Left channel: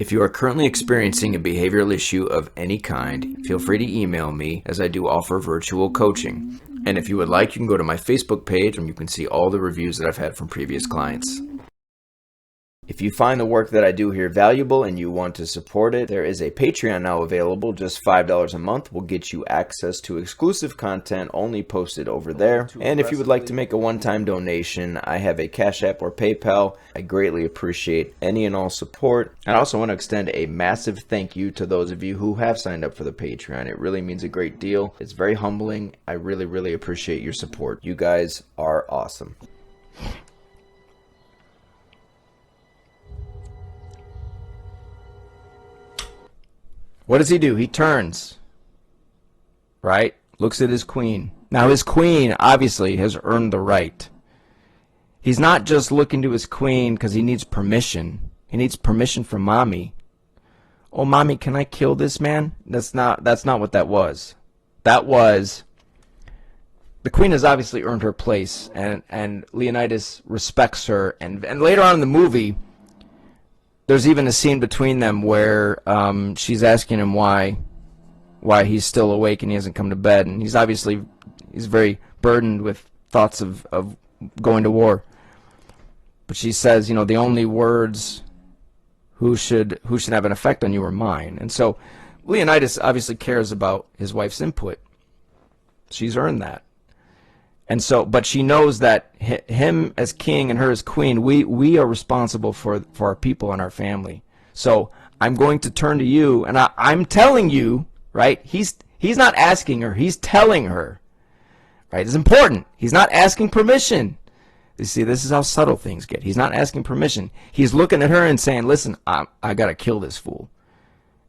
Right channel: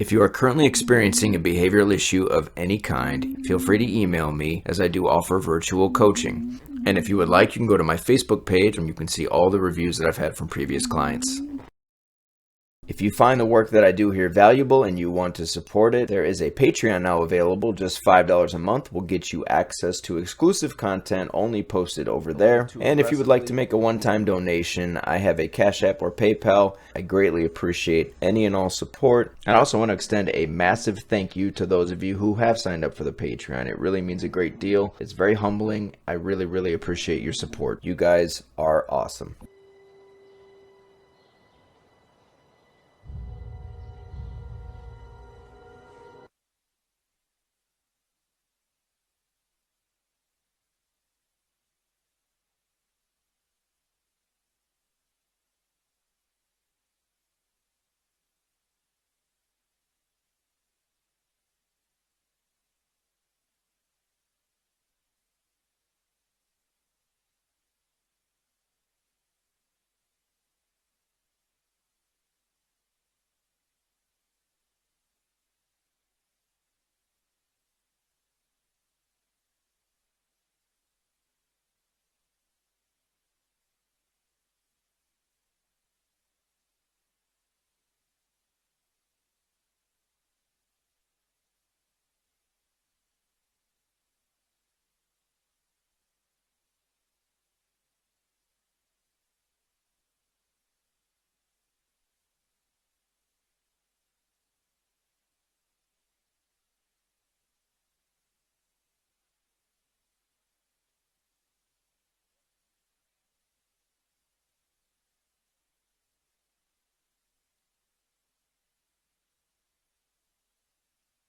If you are currently experiencing a behavioral issue of any kind, feel free to email me, as I do offer virtual coaching. And if you would like, you can go to my Facebook page and you can see all the reviews that I've had from previous clients. If you find the work that I do here valuable and you want to support it, there is a Patreon now available. Just $5 a month will get you access to exclusive content only posted over there. And if you would like to make a one-time donation, I have a Cash App or PayPal. I greatly appreciate any and all support. I also want to extend a massive thank you to those of you who have signed up for the Patreon. It really means a great deal. It's very humbling. I really appreciate your support. You guys are awesome. What does he do? He turns, right? Looks at his queen. Now his queen obviously has earned the right. He's not just looking to his queen because he needs permission. He needs permission from mommy. Oh, mommy, can I kill this man? That's not what that was. That was, the queen has obviously earned her place, and Leonidas respects her. And later on in the movie, there's even a scene between them where she's asking him why he's still awake and he hasn't come to bed, and he's very burdened with thoughts of going to war. But she says, you know, the only words who should have an effect on you are mine. And so Leonidas obviously cares about his wife's input. She's earned that. And so, but she knows that him as king and her as queen, we are responsible for our people and our family. So I'm going to turn to you, and I'm telling you, right? He's not asking her, he's telling her, right? It's important. He's not asking permission. You see, this is how subtle things get. He's not asking permission. He's looking at her and saying, listen, I got to kill this fool.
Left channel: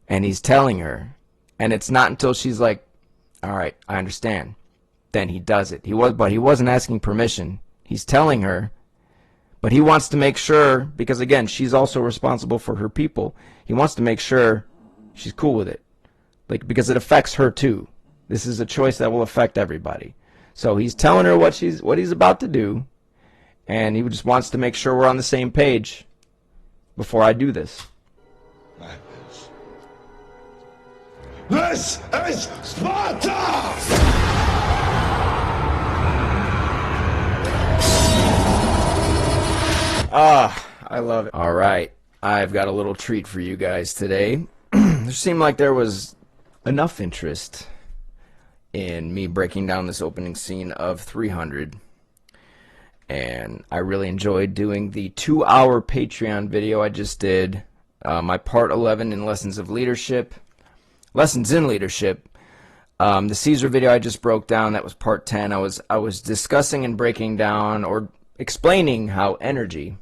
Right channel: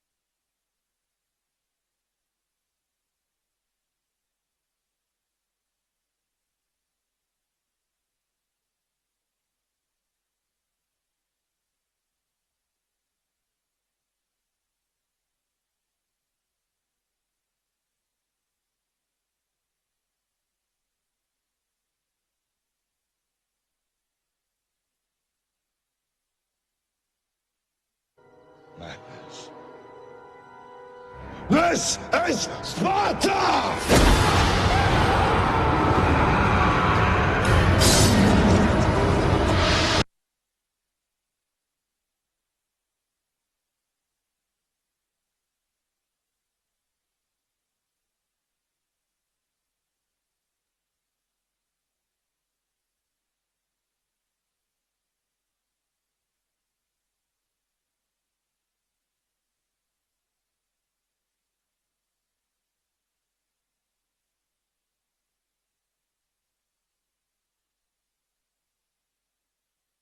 And he's telling her, and it's not until she's like, all right, I understand. Then he does it. But he wasn't asking permission. He's telling her, but he wants to make sure, because again, she's also responsible for her people. He wants to make sure she's cool with it, like, because it affects her too. This is a choice that will affect everybody. So he's telling her what he's about to do, and he just wants to make sure we're on the same page before I do this. Madness. This is Sparta! I love it. All right, I've got a little treat for you guys today. There seemed like there was enough interest in me breaking down this opening scene of 300, and I really enjoyed doing the 2-hour Patreon video I just did, my part 11 in Lessons in Leadership. The Caesar video I just broke down, that was part 10. I was discussing and breaking down or explaining how energy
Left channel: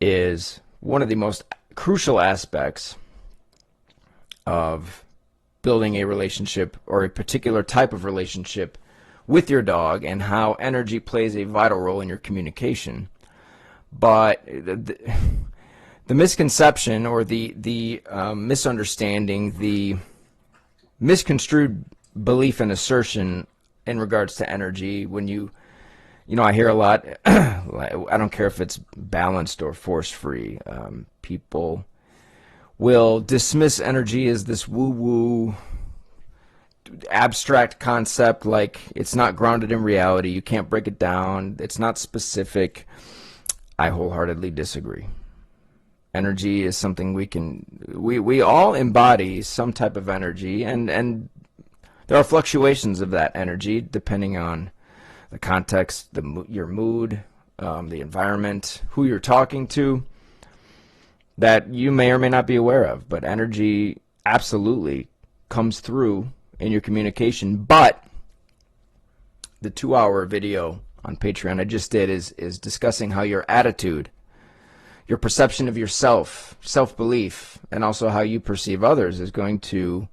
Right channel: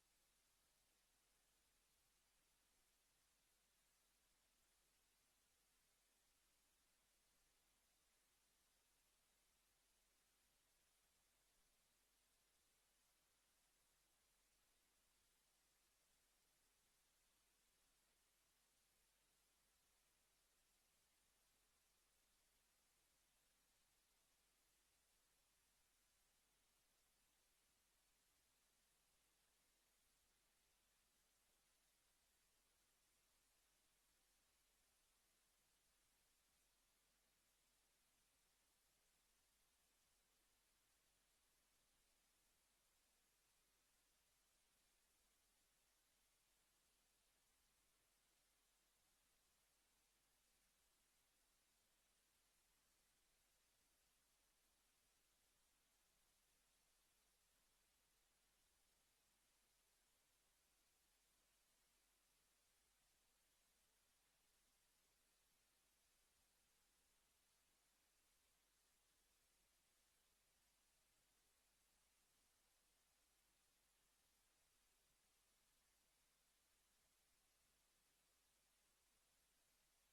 is one of the most crucial aspects of building a relationship or a particular type of relationship with your dog, and how energy plays a vital role in your communication. But the misconception or the misunderstanding, the misconstrued belief and assertion in regards to energy, when you know, I hear a lot, I don't care if it's balanced or force-free, people will dismiss energy as this woo-woo abstract concept, like it's not grounded in reality, you can't break it down, it's not specific. I wholeheartedly disagree. Energy is something we all embody some type of energy, and there are fluctuations of that energy depending on the context, your mood, the environment, who you're talking to, that you may or may not be aware of. But energy absolutely comes through in your communication. But the 2-hour video on Patreon I just did is discussing how your attitude, your perception of yourself, self-belief, and also how you perceive others is going to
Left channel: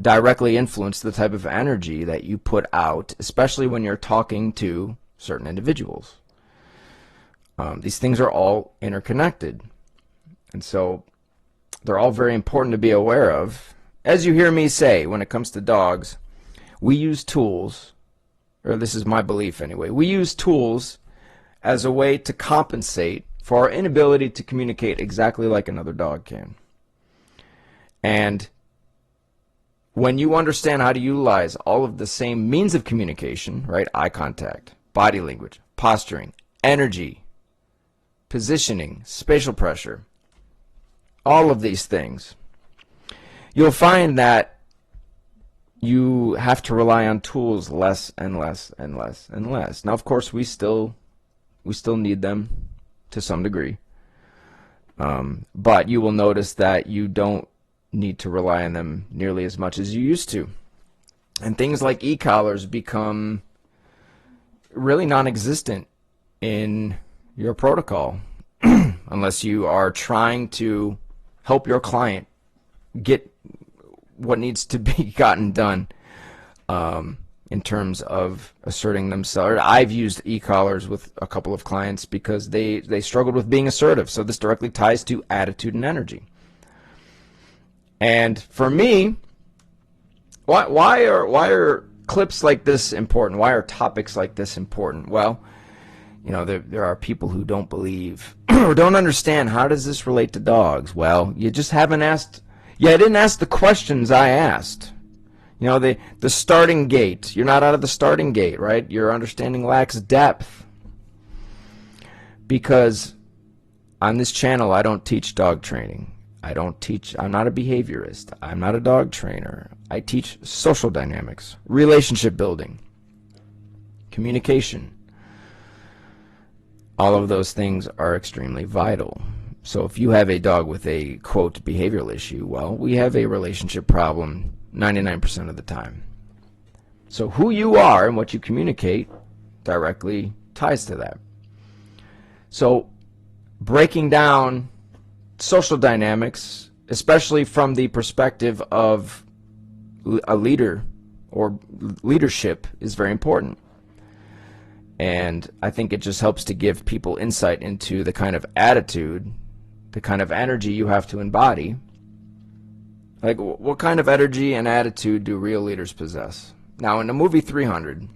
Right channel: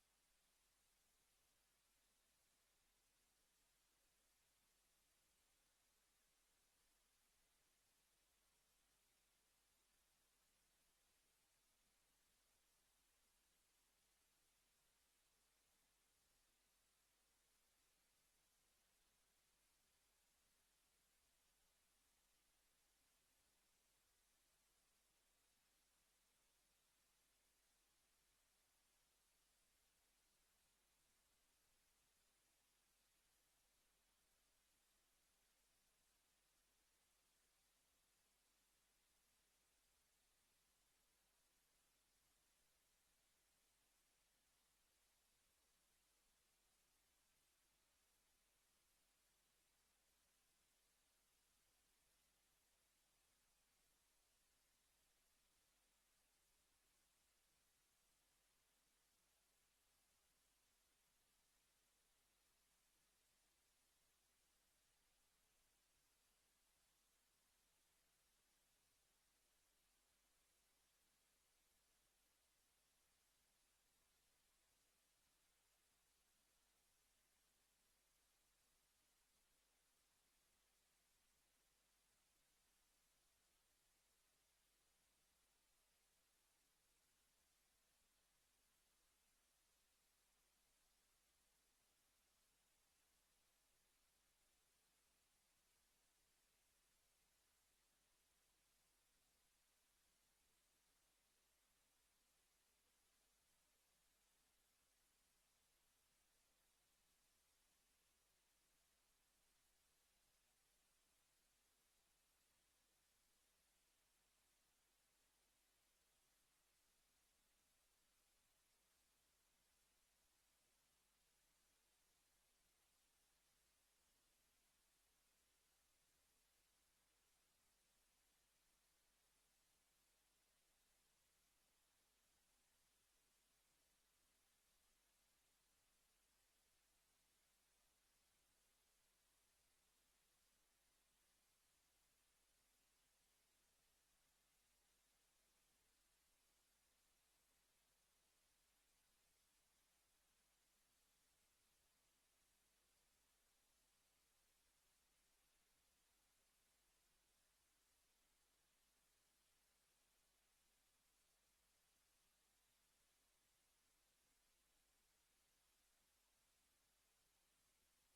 directly influence the type of energy that you put out, especially when you're talking to certain individuals. These things are all interconnected, and so they're all very important to be aware of. As you hear me say, when it comes to dogs, we use tools, or this is my belief anyway, we use tools as a way to compensate for our inability to communicate exactly like another dog can. And when you understand how to utilize all of the same means of communication, right? Eye contact, body language, posturing, energy, positioning, spatial pressure, all of these things, you'll find that you have to rely on tools less and less and less and less. Now, of course, we still need them to some degree, but you will notice that you don't need to rely on them nearly as much as you used to. And things like e-collars become really non-existent in your protocol unless you are trying to help your client get what needs to be gotten done in terms of asserting themselves. I've used e-collars with a couple of clients because they struggled with being assertive. So this directly ties to attitude and energy. And for me, why are clips like this important? Why are topics like this important? Well, you know, there are people who don't believe or don't understand, how does this relate to dogs? Well, you just haven't asked. Yeah, I didn't ask the questions I asked. You know, the starting gate. You're not out of the starting gate, right? Your understanding lacks depth. Because on this channel, I don't teach dog training. I'm not a behaviorist. I'm not a dog trainer. I teach social dynamics, relationship building, communication. All of those things are extremely vital. So if you have a dog with a, quote, behavioral issue, well, we have a relationship problem 99% of the time. So who you are and what you communicate directly ties to that. So breaking down social dynamics, especially from the perspective of a leader or leadership, is very important. And I think it just helps to give people insight into the kind of attitude, the kind of energy you have to embody. Like, what kind of energy and attitude do real leaders possess? Now, in the movie 300,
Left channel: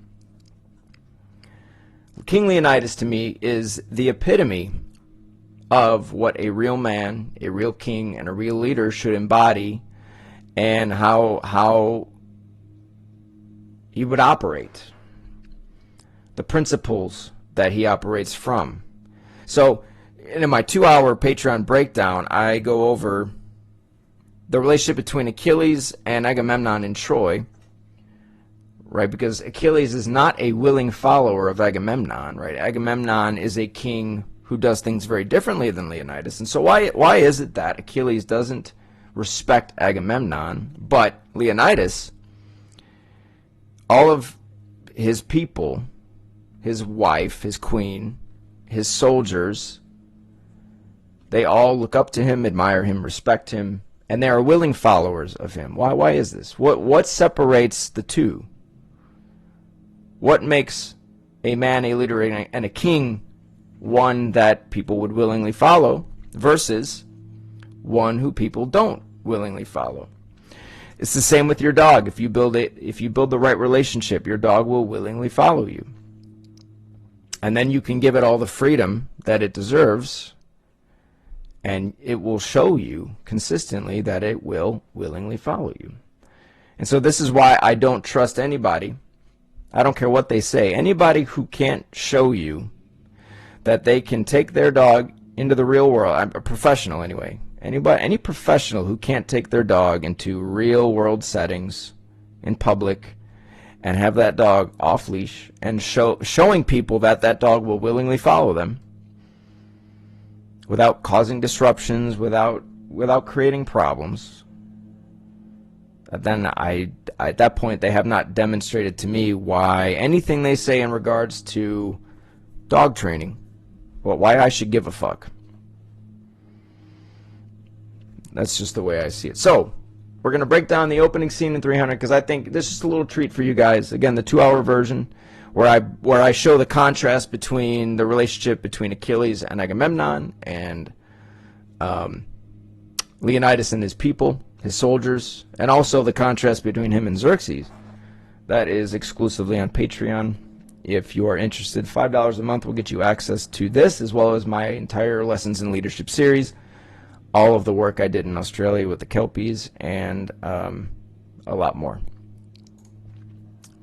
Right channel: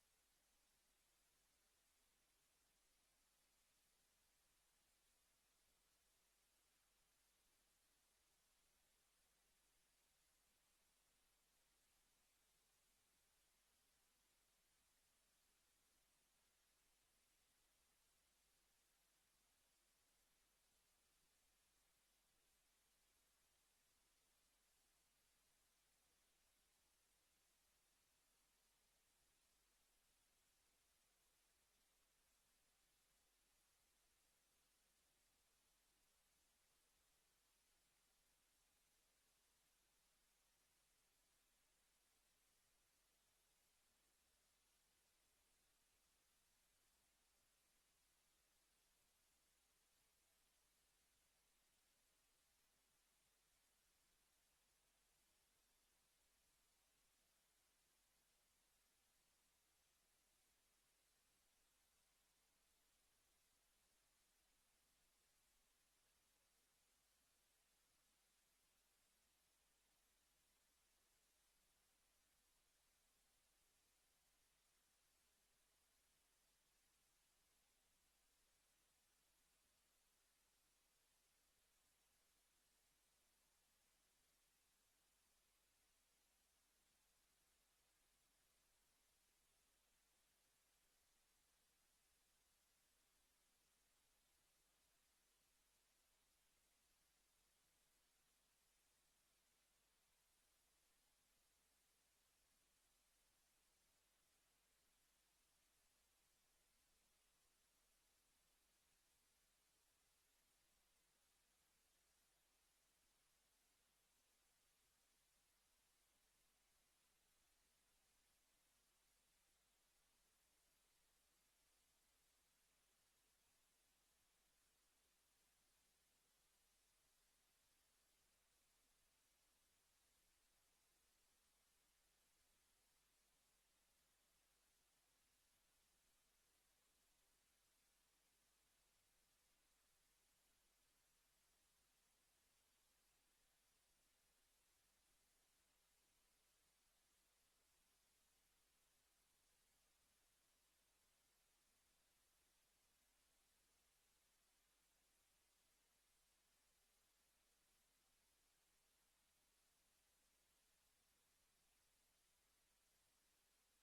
King Leonidas, to me, is the epitome of what a real man, a real king, and a real leader should embody, and how he would operate, the principles that he operates from. So in my 2-hour Patreon breakdown, I go over the relationship between Achilles and Agamemnon in Troy, right? Because Achilles is not a willing follower of Agamemnon, right? Agamemnon is a king who does things very differently than Leonidas. And so why is it that Achilles doesn't respect Agamemnon, but Leonidas, all of his people, his wife, his queen, his soldiers, they all look up to him, admire him, respect him, and they are willing followers of him. Why is this? What separates the two? What makes a man, a leader, and a king one that people would willingly follow versus one who people don't willingly follow? It's the same with your dog. If you build the right relationship, your dog will willingly follow you. And then you can give it all the freedom that it deserves, and it will show you consistently that it will willingly follow you. And so this is why I don't trust anybody. I don't care what they say. Anybody who can't show you that they can take their dog into the real world, I'm a professional anyway, any professional who can't take their dog into real world settings in public and have that dog off leash and showing people that that dog will willingly follow them without causing disruptions, without creating problems, then at that point they have not demonstrated to me why anything they say in regards to dog training, why I should give a fuck. That's just the way I see it. So we're going to break down the opening scene in 300 because I think this is just a little treat for you guys. Again, the 2-hour version where I show the contrast between the relationship between Achilles and Agamemnon and Leonidas and his people, his soldiers, and also the contrast between him and Xerxes. That is exclusively on Patreon. if you are interested, $5 a month will get you access to this, as well as my entire Lessons in Leadership series, all of the work I did in Australia with the Kelpies, and a lot more.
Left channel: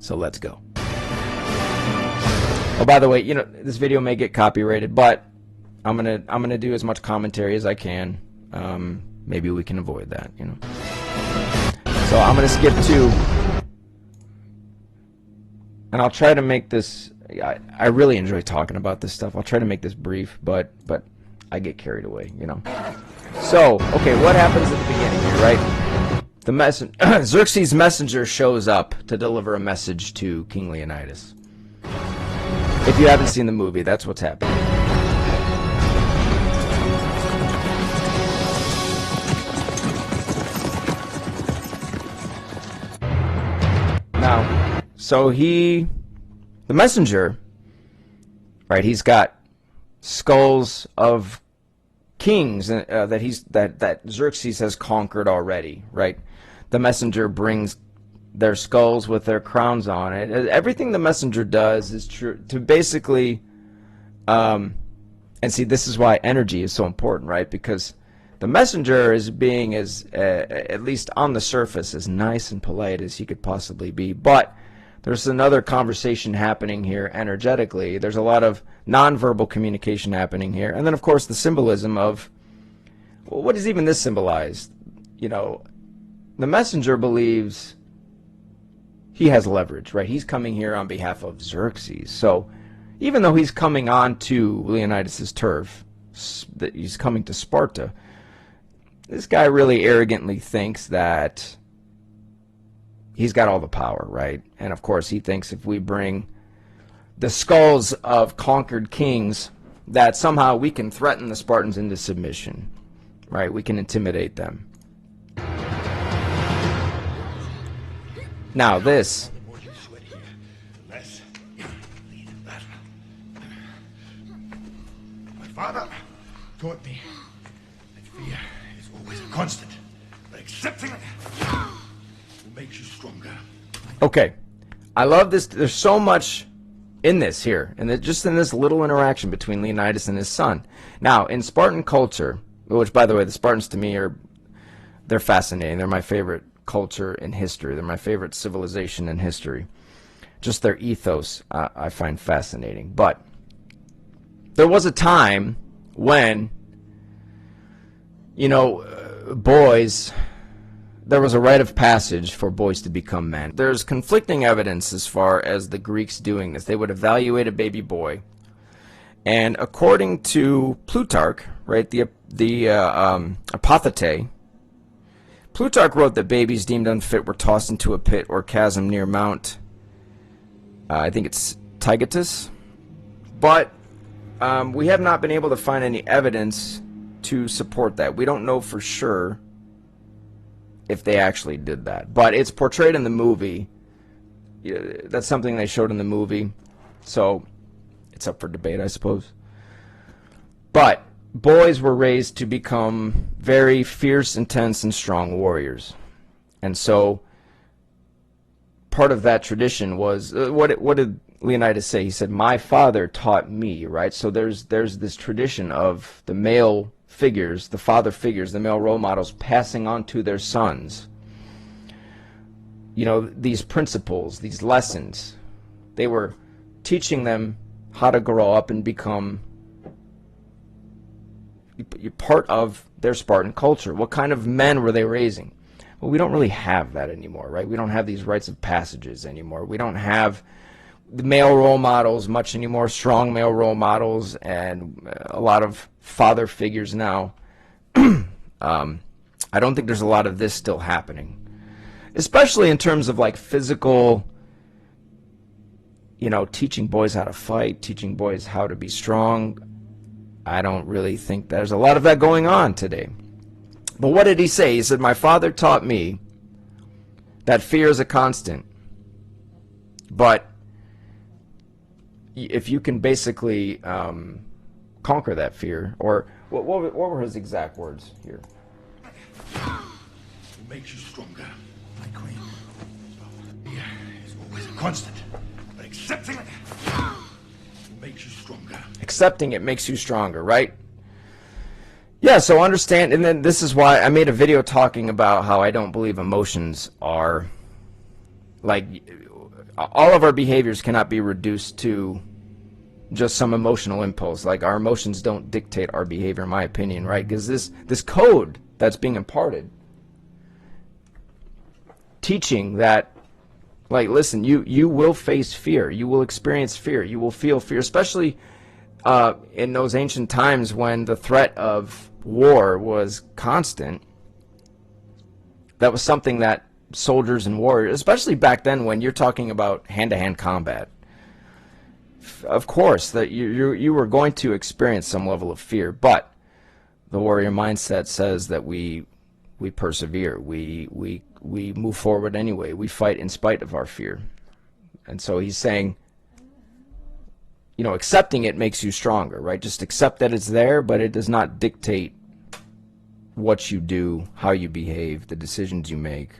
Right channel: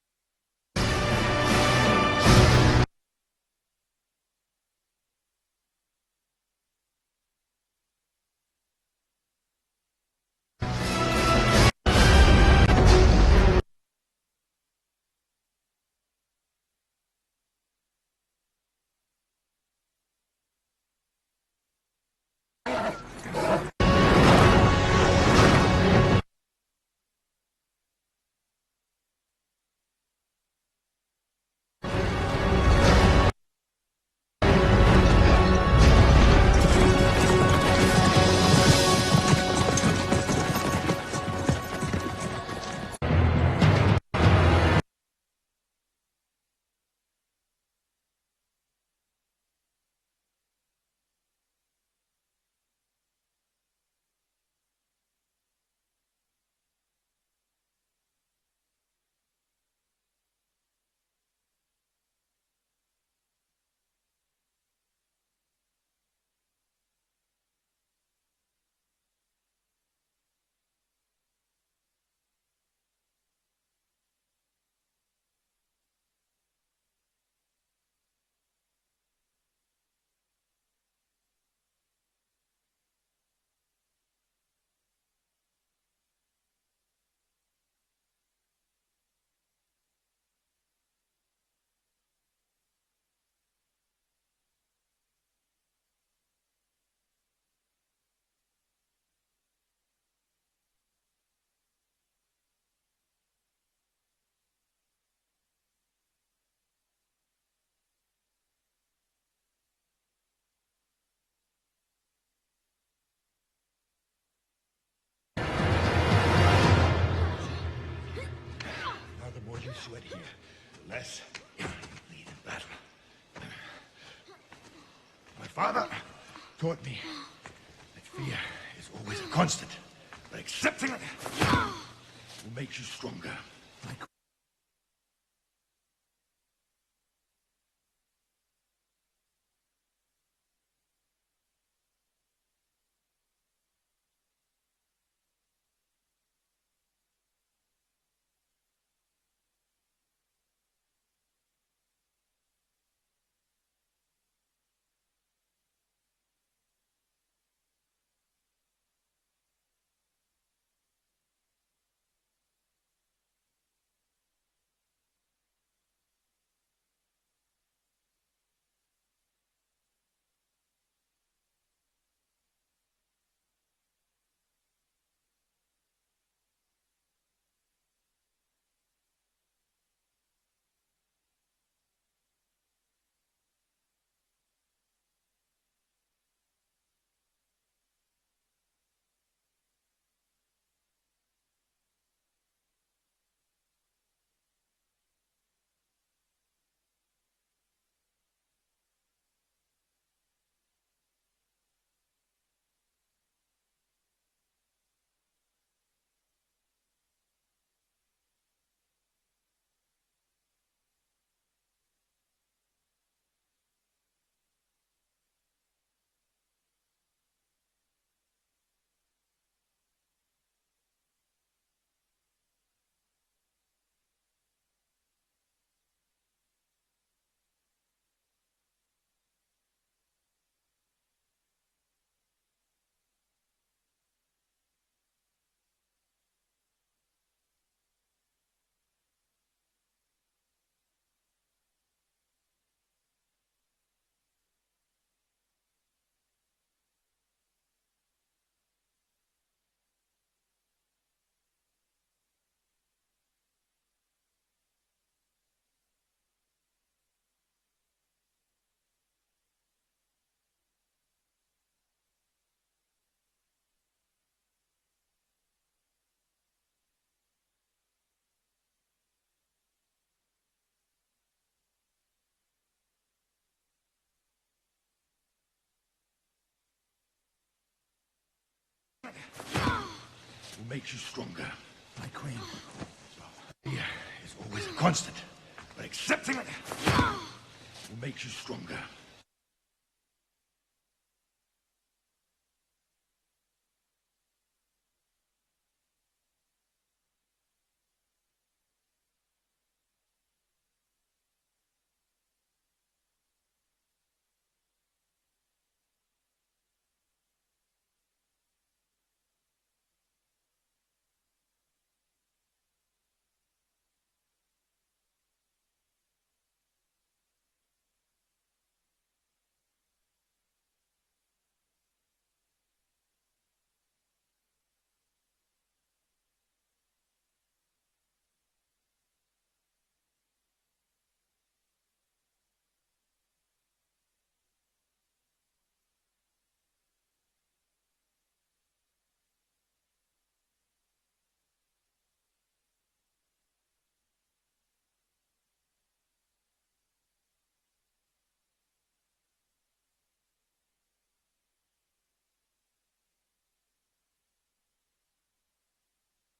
So let's go. Oh, by the way, you know, this video may get copyrighted, but I'm gonna do as much commentary as I can. Maybe we can avoid that, you know. So I'm gonna skip to, and I'll try to make this. I really enjoy talking about this stuff. I'll try to make this brief, but I get carried away, you know. So, okay, what happens at the beginning, right? Xerxes' messenger shows up to deliver a message to King Leonidas. If you haven't seen the movie, that's what's happening. Now, so the messenger, right, he's got skulls of kings that Xerxes has conquered already, right? The messenger brings their skulls with their crowns on it. Everything the messenger does is true to basically, and see, this is why energy is so important, right? Because the messenger is being as, at least on the surface, as nice and polite as he could possibly be, but there's another conversation happening here energetically. There's a lot of nonverbal communication happening here. And then, of course, the symbolism of, well, what does even this symbolize? You know, the messenger believes he has leverage, right? He's coming here on behalf of Xerxes. So even though he's coming on to Leonidas' turf, that he's coming to Sparta, this guy really arrogantly thinks that he's got all the power, right? And of course, he thinks if we bring the skulls of conquered kings, that somehow we can threaten the Spartans into submission, right? We can intimidate them. Now this. The more you sweat here, the less you lead in battle. My father taught me that fear is always a constant, but accepting it will make you stronger. Okay, I love this. There's so much in this here, and just in this little interaction between Leonidas and his son. Now, in Spartan culture, which, by the way, the Spartans to me they're fascinating. They're my favorite culture in history. They're my favorite civilization in history. Just their ethos I find fascinating. But there was a time when, you know, boys, there was a rite of passage for boys to become men. There's conflicting evidence as far as the Greeks doing this. They would evaluate a baby boy, and according to Plutarch, right, the Apothete, Plutarch wrote that babies deemed unfit were tossed into a pit or chasm near Mount, I think it's Taygetus, but we have not been able to find any evidence to support that. We don't know for sure if they actually did that, but it's portrayed in the movie. That's something they showed in the movie, so it's up for debate, I suppose. But boys were raised to become very fierce, intense, and strong warriors. And so part of that tradition was, what did Leonidas say? He said, my father taught me, right? So there's this tradition of the male figures, the father figures, the male role models passing on to their sons, you know, these principles, these lessons. They were teaching them how to grow up and become part of their Spartan culture. What kind of men were they raising? Well, we don't really have that anymore, right? We don't have these rites of passages anymore. We don't have the male role models much anymore, strong male role models, and a lot of father figures now. I don't think there's a lot of this still happening, especially in terms of like physical, you know, teaching boys how to fight, teaching boys how to be strong. I don't really think there's a lot of that going on today. But what did he say? He said, my father taught me that fear is a constant, but if you can basically conquer that fear, or what were his exact words here? Will make you stronger, my queen. Fear is always a constant, but accepting it will make you stronger. Accepting it makes you stronger, right? Yeah, so understand, and then this is why I made a video talking about how I don't believe emotions are, like, all of our behaviors cannot be reduced to just some emotional impulse. Like, our emotions don't dictate our behavior, in my opinion, right? Because this code that's being imparted, teaching that, like, listen, you will face fear, you will experience fear, you will feel fear, especially in those ancient times when the threat of war was constant. That was something that soldiers and warriors, especially back then when you're talking about hand-to-hand combat, of course that you were going to experience some level of fear, but the warrior mindset says that we persevere, we move forward anyway, we fight in spite of our fear. And so he's saying, you know, accepting it makes you stronger, right? Just accept that it's there, but it does not dictate what you do, how you behave, the decisions you make,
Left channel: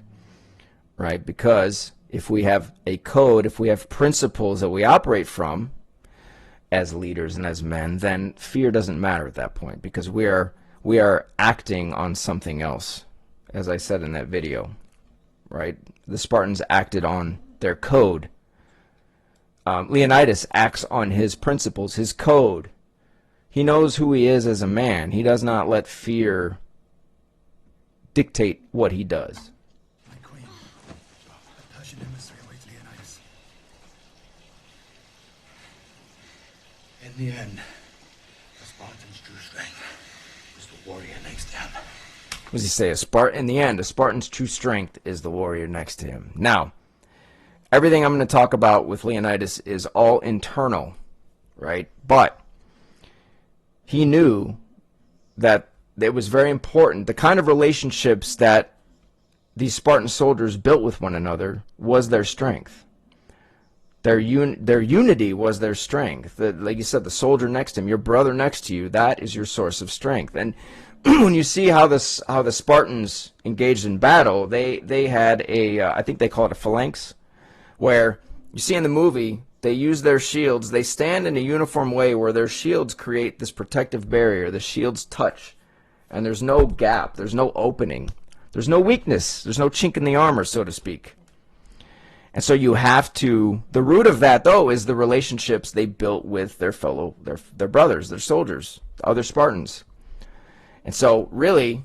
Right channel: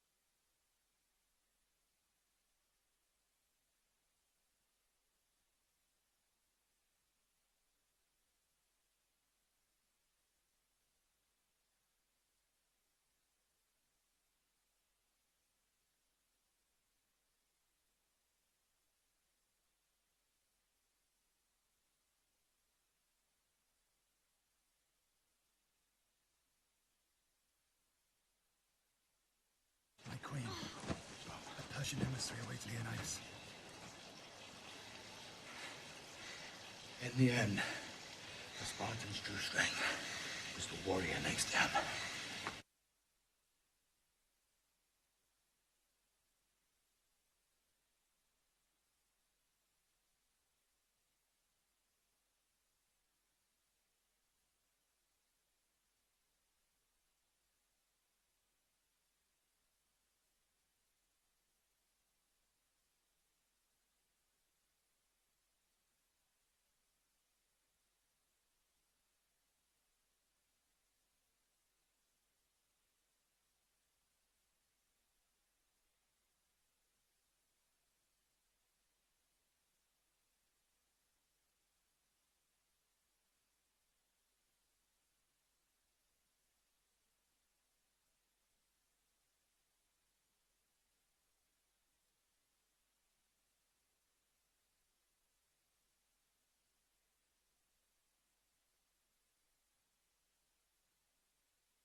right? Because if we have a code, if we have principles that we operate from as leaders and as men, then fear doesn't matter at that point, because we are acting on something else, as I said in that video, right? The Spartans acted on their code. Leonidas acts on his principles, his code. He knows who he is as a man. He does not let fear dictate what he does. My queen, a Persian emissary awaits Leonidas. In the end, the Spartan's true strength was the warrior next to him. What does he say? In the end, a Spartan's true strength is the warrior next to him. Now, everything I'm going to talk about with Leonidas is all internal, right? But he knew that it was very important. The kind of relationships that these Spartan soldiers built with one another was their strength. Their unity was their strength. Like you said, the soldier next to him, your brother next to you, that is your source of strength. And when you see how the Spartans engaged in battle, they had a, I think they call it a phalanx, where you see in the movie, they use their shields. They stand in a uniform way where their shields create this protective barrier. The shields touch, and there's no gap. There's no opening. There's no weakness. There's no chink in the armor, so to speak. And so you have to, the root of that, though, is the relationships they built with their their brothers, their soldiers, other Spartans. And so really,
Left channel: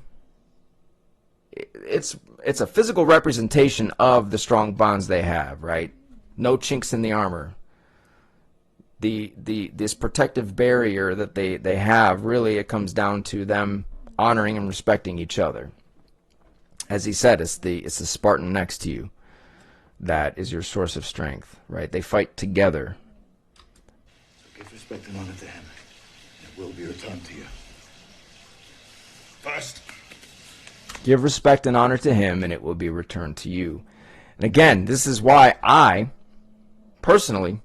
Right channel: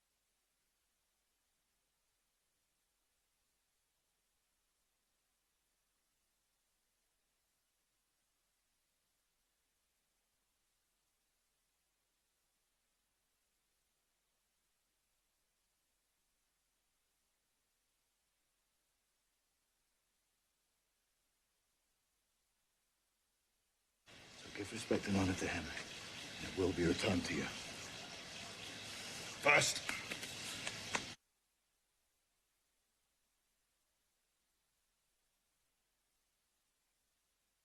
it's a physical representation of the strong bonds they have, right? No chinks in the armor. This protective barrier that they have, really, it comes down to them honoring and respecting each other. As he said, it's the Spartan next to you that is your source of strength, right? They fight together. So give respect and honor to him, and it will be returned to you. First, give respect and honor to him, and it will be returned to you. And again, this is why I, personally,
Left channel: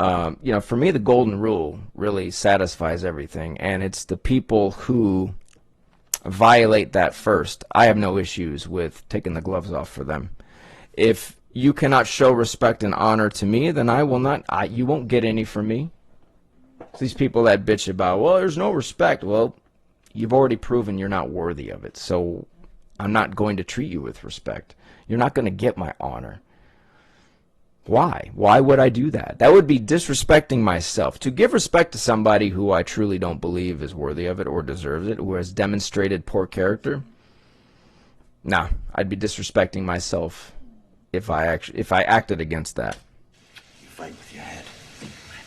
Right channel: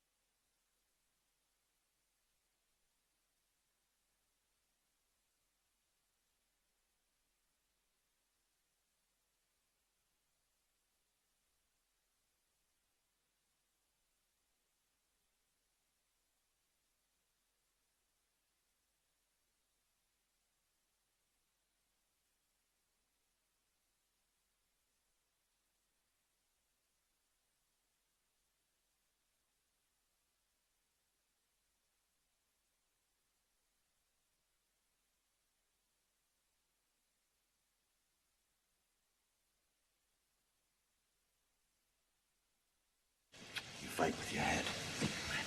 you know, for me, the golden rule really satisfies everything, and it's the people who violate that first. I have no issues with taking the gloves off for them. If you cannot show respect and honor to me, then I will not. You won't get any from me. These people that bitch about, well, there's no respect. Well, you've already proven you're not worthy of it, so I'm not going to treat you with respect. You're not going to get my honor. Why? Why would I do that? That would be disrespecting myself. To give respect to somebody who I truly don't believe is worthy of it or deserves it, who has demonstrated poor character, nah, I'd be disrespecting myself if I acted against that. you fight with your head.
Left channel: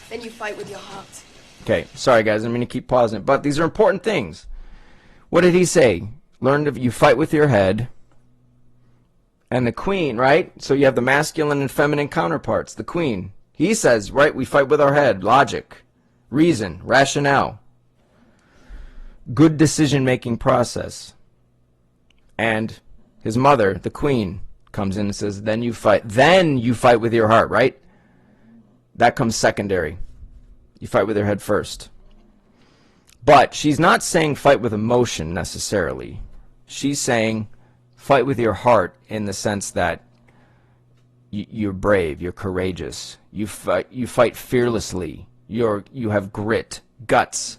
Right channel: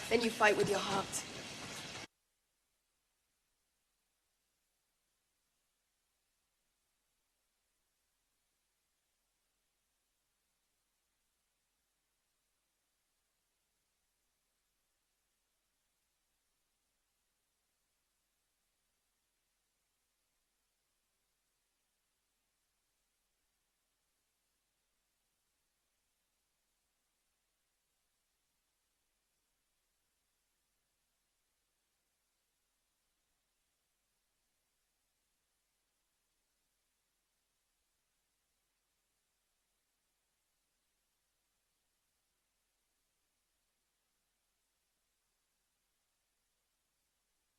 Then you fight with your heart. Okay, sorry guys, I'm going to keep pausing it, but these are important things. What did he say? Learn to, you fight with your head. And the queen, right? So you have the masculine and feminine counterparts. The queen, he says, right, we fight with our head. Logic, reason, rationale. Good decision-making process. And his mother, the queen, comes in and says, then you fight. Then you fight with your heart, right? That comes secondary. You fight with your head first. But she's not saying fight with emotion necessarily. She's saying fight with your heart in the sense that you're brave, you're courageous, you fight fearlessly, you have grit, guts.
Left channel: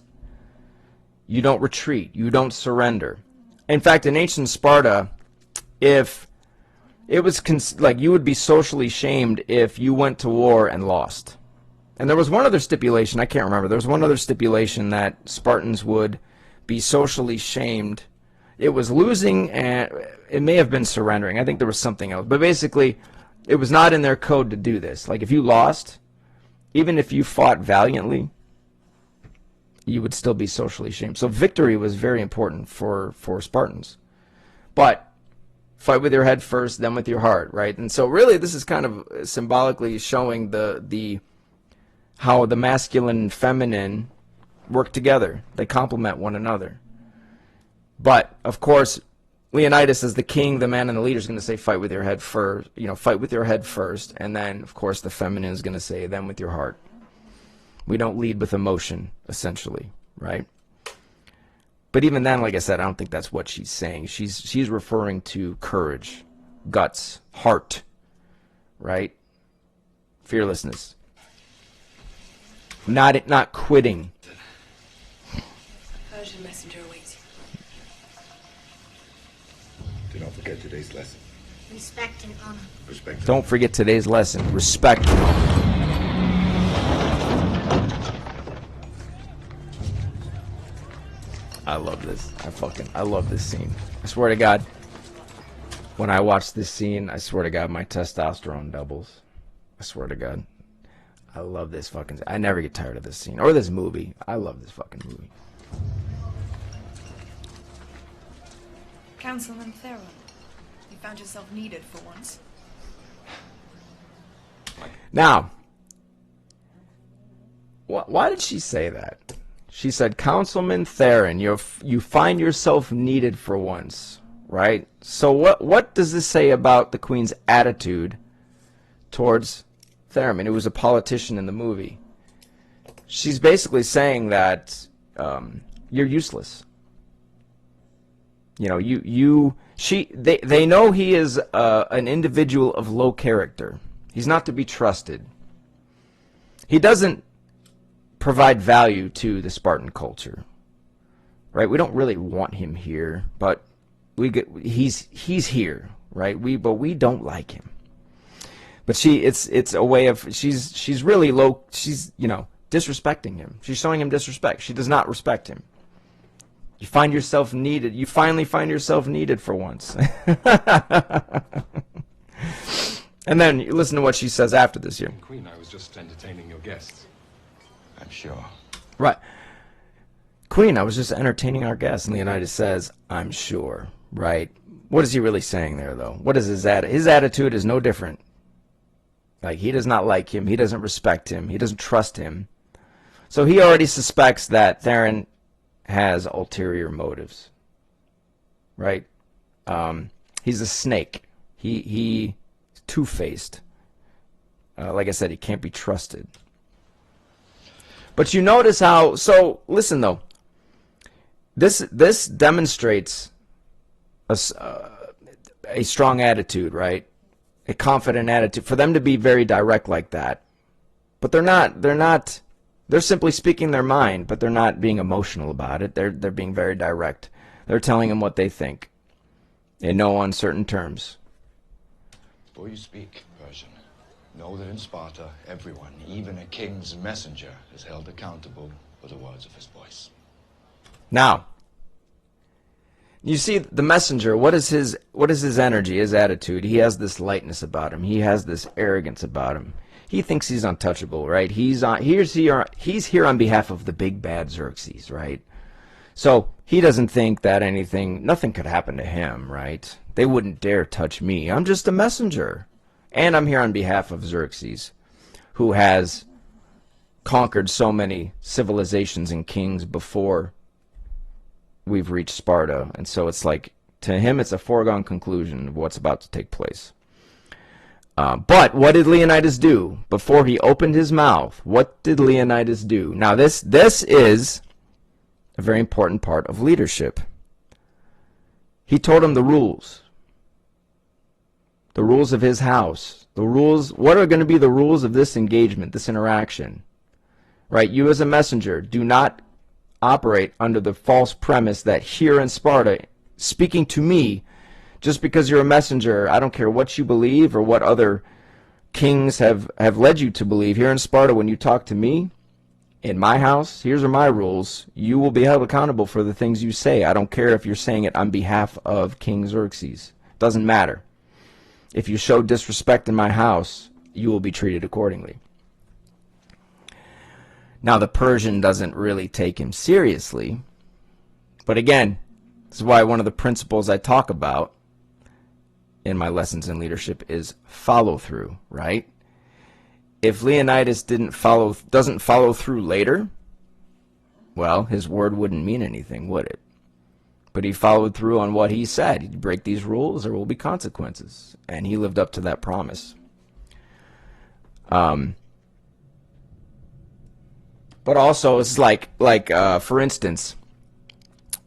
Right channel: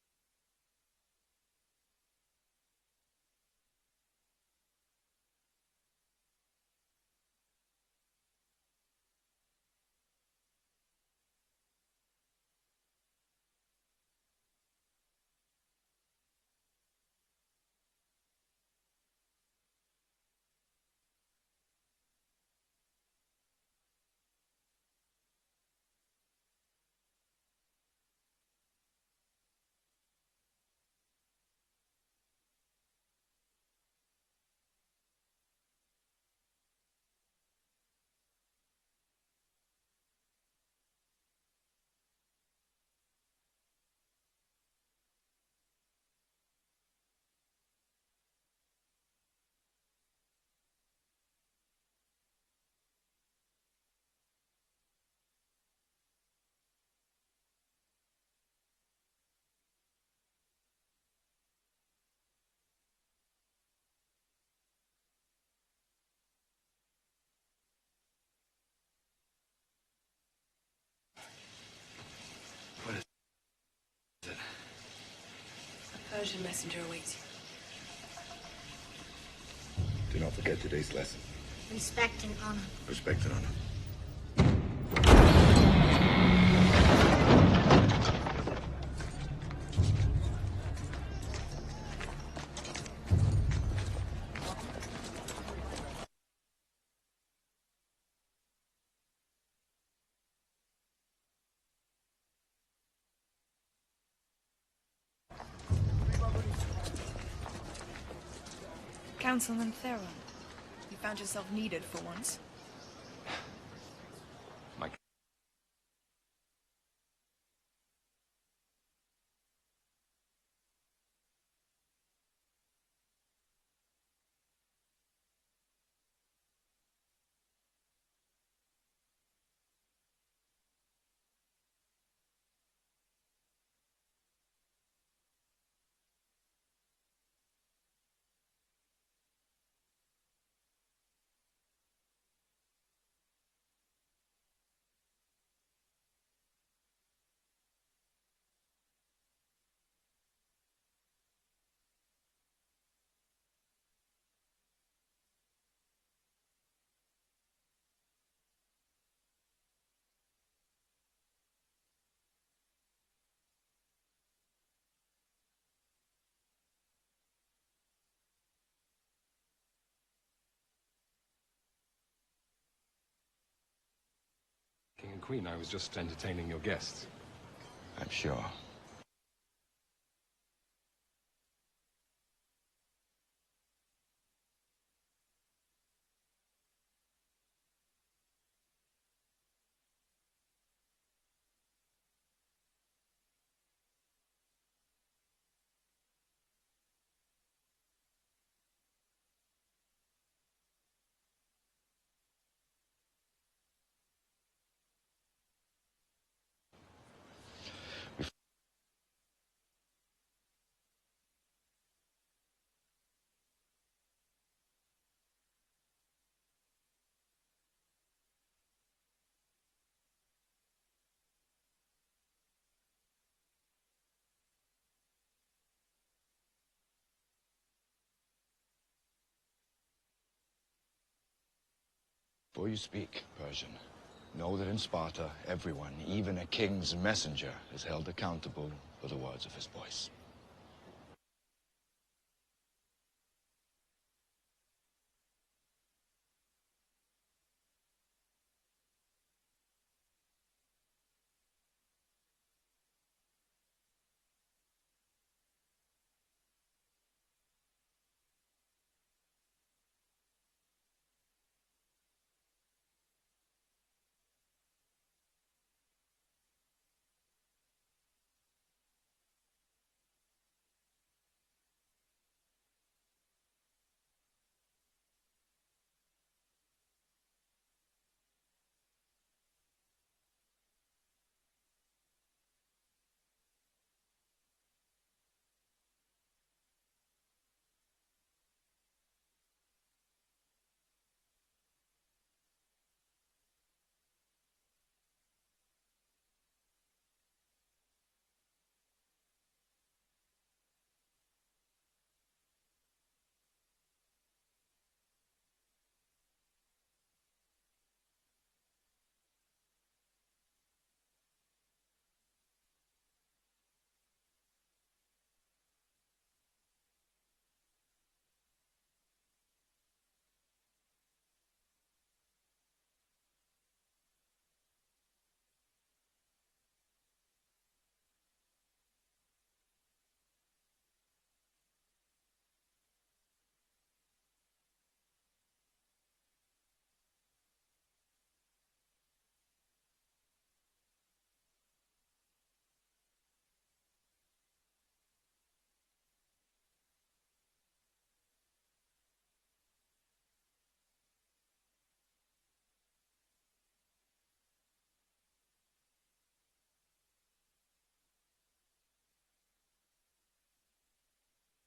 You don't retreat, you don't surrender. In fact, in ancient Sparta, if it was like you would be socially shamed if you went to war and lost. And there was one other stipulation, I can't remember. There was one other stipulation that Spartans would be socially shamed. It was losing, and it may have been surrendering. I think there was something else. But basically, it was not in their code to do this. Like if you lost, even if you fought valiantly, you would still be socially shamed. So victory was very important for Spartans. But fight with your head first, then with your heart, right? And so really this is kind of symbolically showing the how the masculine and feminine work together. They complement one another. But of course, Leonidas as the king, the man and the leader is going to say fight with your head first, fight with your head first, and then of course the feminine is going to say then with your heart. We don't lead with emotion, essentially, right? But even then, like I said, I don't think that's what she's saying. She's referring to courage, guts, heart, right? Fearlessness. Not quitting. A Persian messenger awaits you. Do not forget today's lesson. Respect and honor. Respect. Don't forget today's lesson. Respect. I love this. I love this scene. I swear to God, when I watch this scene, I swear to God, my testosterone doubles. I swear to God. I love this fucking... I never get tired of this scene. Or this movie. I love this fucking movie. Councilman Theron, you found yourself needed for once. Now, why did she say that? She said, Councilman Theron, you find yourself needed for once, right? So what does this say about the Queen's attitude towards Theron? It was a politician in the movie. She's basically saying that you're useless. They know he is an individual of low character. He's not to be trusted. He doesn't provide value to the Spartan culture, right? We don't really want him here, but he's here, right? But we don't like him. But it's a way of she's really low. She's disrespecting him. She's showing him disrespect. She does not respect him. You find yourself needed. You finally find yourself needed for once. And then you listen to what she says after this here. Queen, I was just entertaining your guests. I'm sure. Right. Queen, I was just entertaining our guests. And Leonidas says, I'm sure. Right. What is he really saying there, though? What is his attitude? His attitude is no different. Like, he does not like him. He doesn't respect him. He doesn't trust him. So he already suspects that Theron has ulterior motives. Right? He's a snake. He's two-faced. Like I said, he can't be trusted. But you notice how... So, listen, though. This demonstrates a strong attitude, right? A confident attitude. For them to be very direct like that. But they're not... They're simply speaking their mind, but they're not being emotional about it. They're being very direct. They're telling him what they think. In no uncertain terms. Before you speak, Persian, know that in Sparta, everyone, even a king's messenger, is held accountable for the words of his voice. Now, you see the messenger, what is his energy, his attitude? He has this lightness about him. He has this arrogance about him. He thinks he's untouchable, right? He's here on behalf of the big bad Xerxes, right? So he doesn't think that nothing could happen to him, right? They wouldn't dare touch me. I'm just a messenger. And I'm here on behalf of Xerxes, who has conquered so many civilizations and kings before we've reached Sparta. And so it's like, to him, it's a foregone conclusion of what's about to take place. But what did Leonidas do? Before he opened his mouth, what did Leonidas do? Now, this is a very important part of leadership. He told him the rules of his house, The rules, what are going to be the rules of this engagement, this interaction? Right? You as a messenger do not operate under the false premise that here in Sparta, speaking to me, just because you're a messenger, I don't care what you believe or what other kings have led you to believe. Here in Sparta, when you talk to me, in my house, here's are my rules. You will be held accountable for the things you say. I don't care if you're saying it on behalf of King Xerxes. Doesn't matter. If you show disrespect in my house, you will be treated accordingly. Now, the Persian doesn't really take him seriously. But again, this is why one of the principles I talk about in my lessons in leadership is follow through, right? If Leonidas doesn't follow through later, well, his word wouldn't mean anything, would it? But he followed through on what he said. He'd break these rules, there will be consequences. And he lived up to that promise. But also, it's like for instance,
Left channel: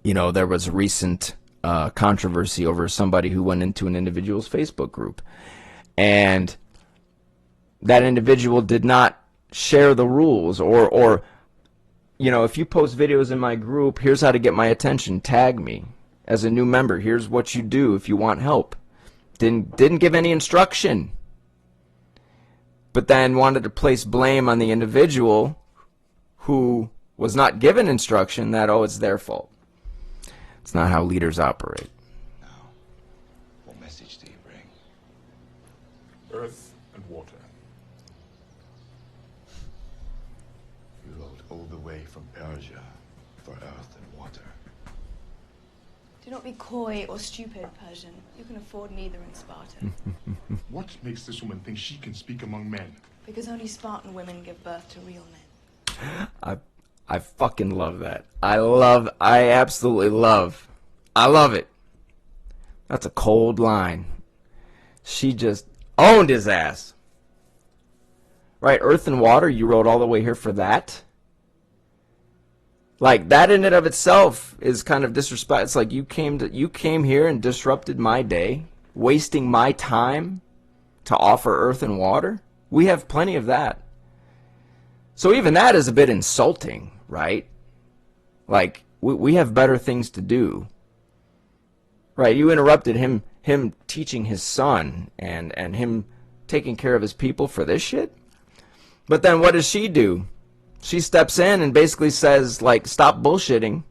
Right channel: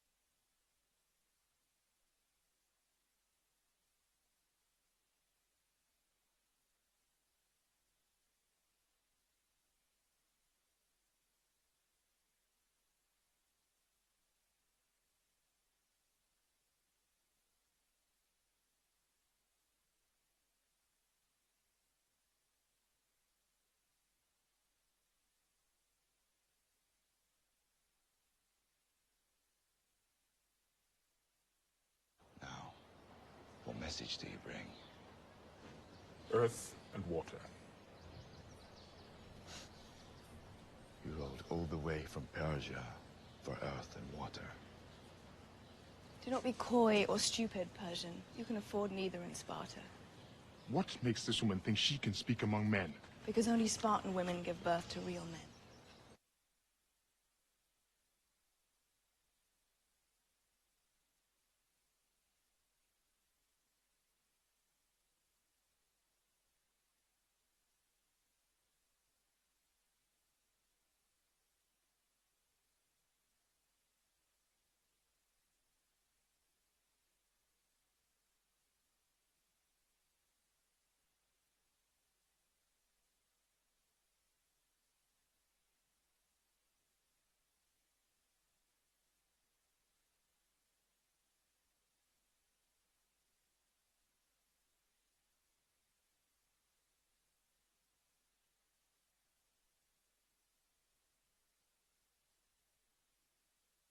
you know, there was a recent controversy over somebody who went into an individual's Facebook group. And that individual did not share the rules or you know, if you post videos in my group, here's how to get my attention, tag me as a new member, here's what you do if you want help. Didn't give any instruction, but then wanted to place blame on the individual who was not given instruction that, oh, it's their fault. It's not how leaders operate. Now, what message do you bring? Earth and water. You rode all the way from Persia for earth and water. Do not be coy or stupid, Persian. You can afford neither in Sparta. What makes this woman think she can speak among men? Because only Spartan women give birth to real men. I fucking love that. I absolutely love. I love it. That's a cold line. She just owned his ass. Right, earth and water, you rode all the way here for that? Like, that in and of itself is kind of disrespect. It's like you came here and disrupted my day, wasting my time to offer earth and water? We have plenty of that. So even that is a bit insulting, right? Like, we have better things to do. Right, you interrupted him teaching his son and him taking care of his people for this shit? But then what does she do? She steps in and basically says, like, stop bullshitting.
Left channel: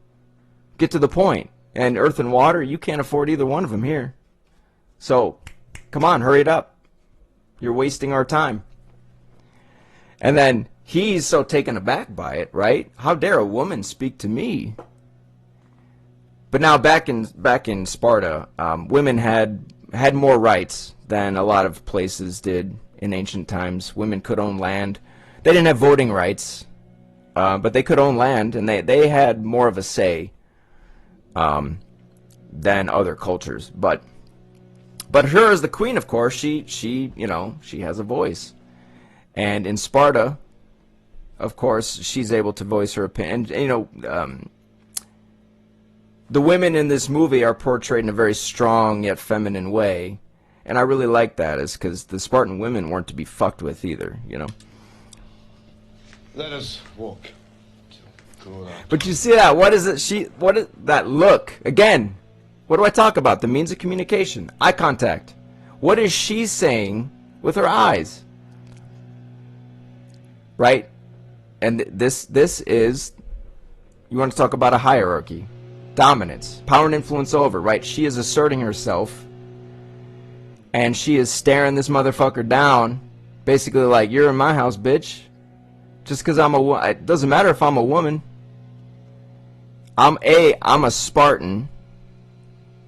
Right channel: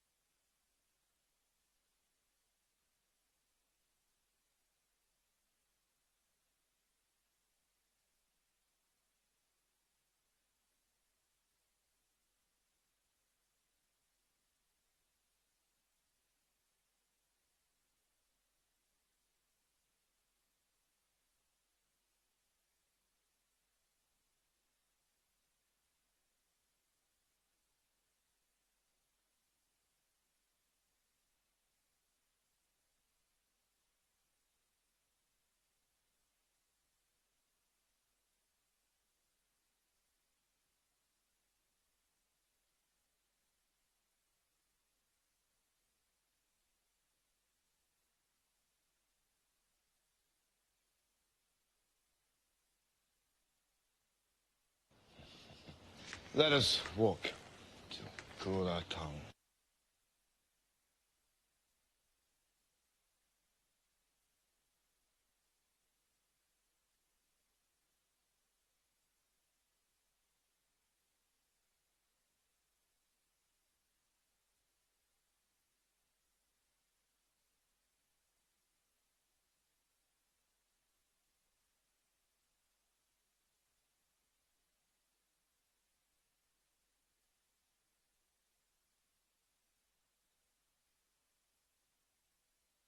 Get to the point. And earth and water, you can't afford either one of them here. So, come on, hurry it up. You're wasting our time. And then he's so taken aback by it, right? How dare a woman speak to me? But now back in Sparta, women had more rights than a lot of places did in ancient times. Women could own land. They didn't have voting rights, but they could own land, and they had more of a say than other cultures. But her as the queen, of course, she you know, she has a voice. And in Sparta, of course, she's able to voice her opinion. And, you know, the women in this movie are portrayed in a very strong yet feminine way. And I really like that, is because the Spartan women weren't to be fucked with either, you know. Let us walk to cool our But you see that? What is it? What is that look? Again, what do I talk about? The means of communication, eye contact. What is she saying with her eyes? Right? And this is, you want to talk about a hierarchy, dominance, power and influence over, right? She is asserting herself. And she is staring this motherfucker down, basically like, you're in my house, bitch. Just because it doesn't matter if I'm a woman. I'm a Spartan.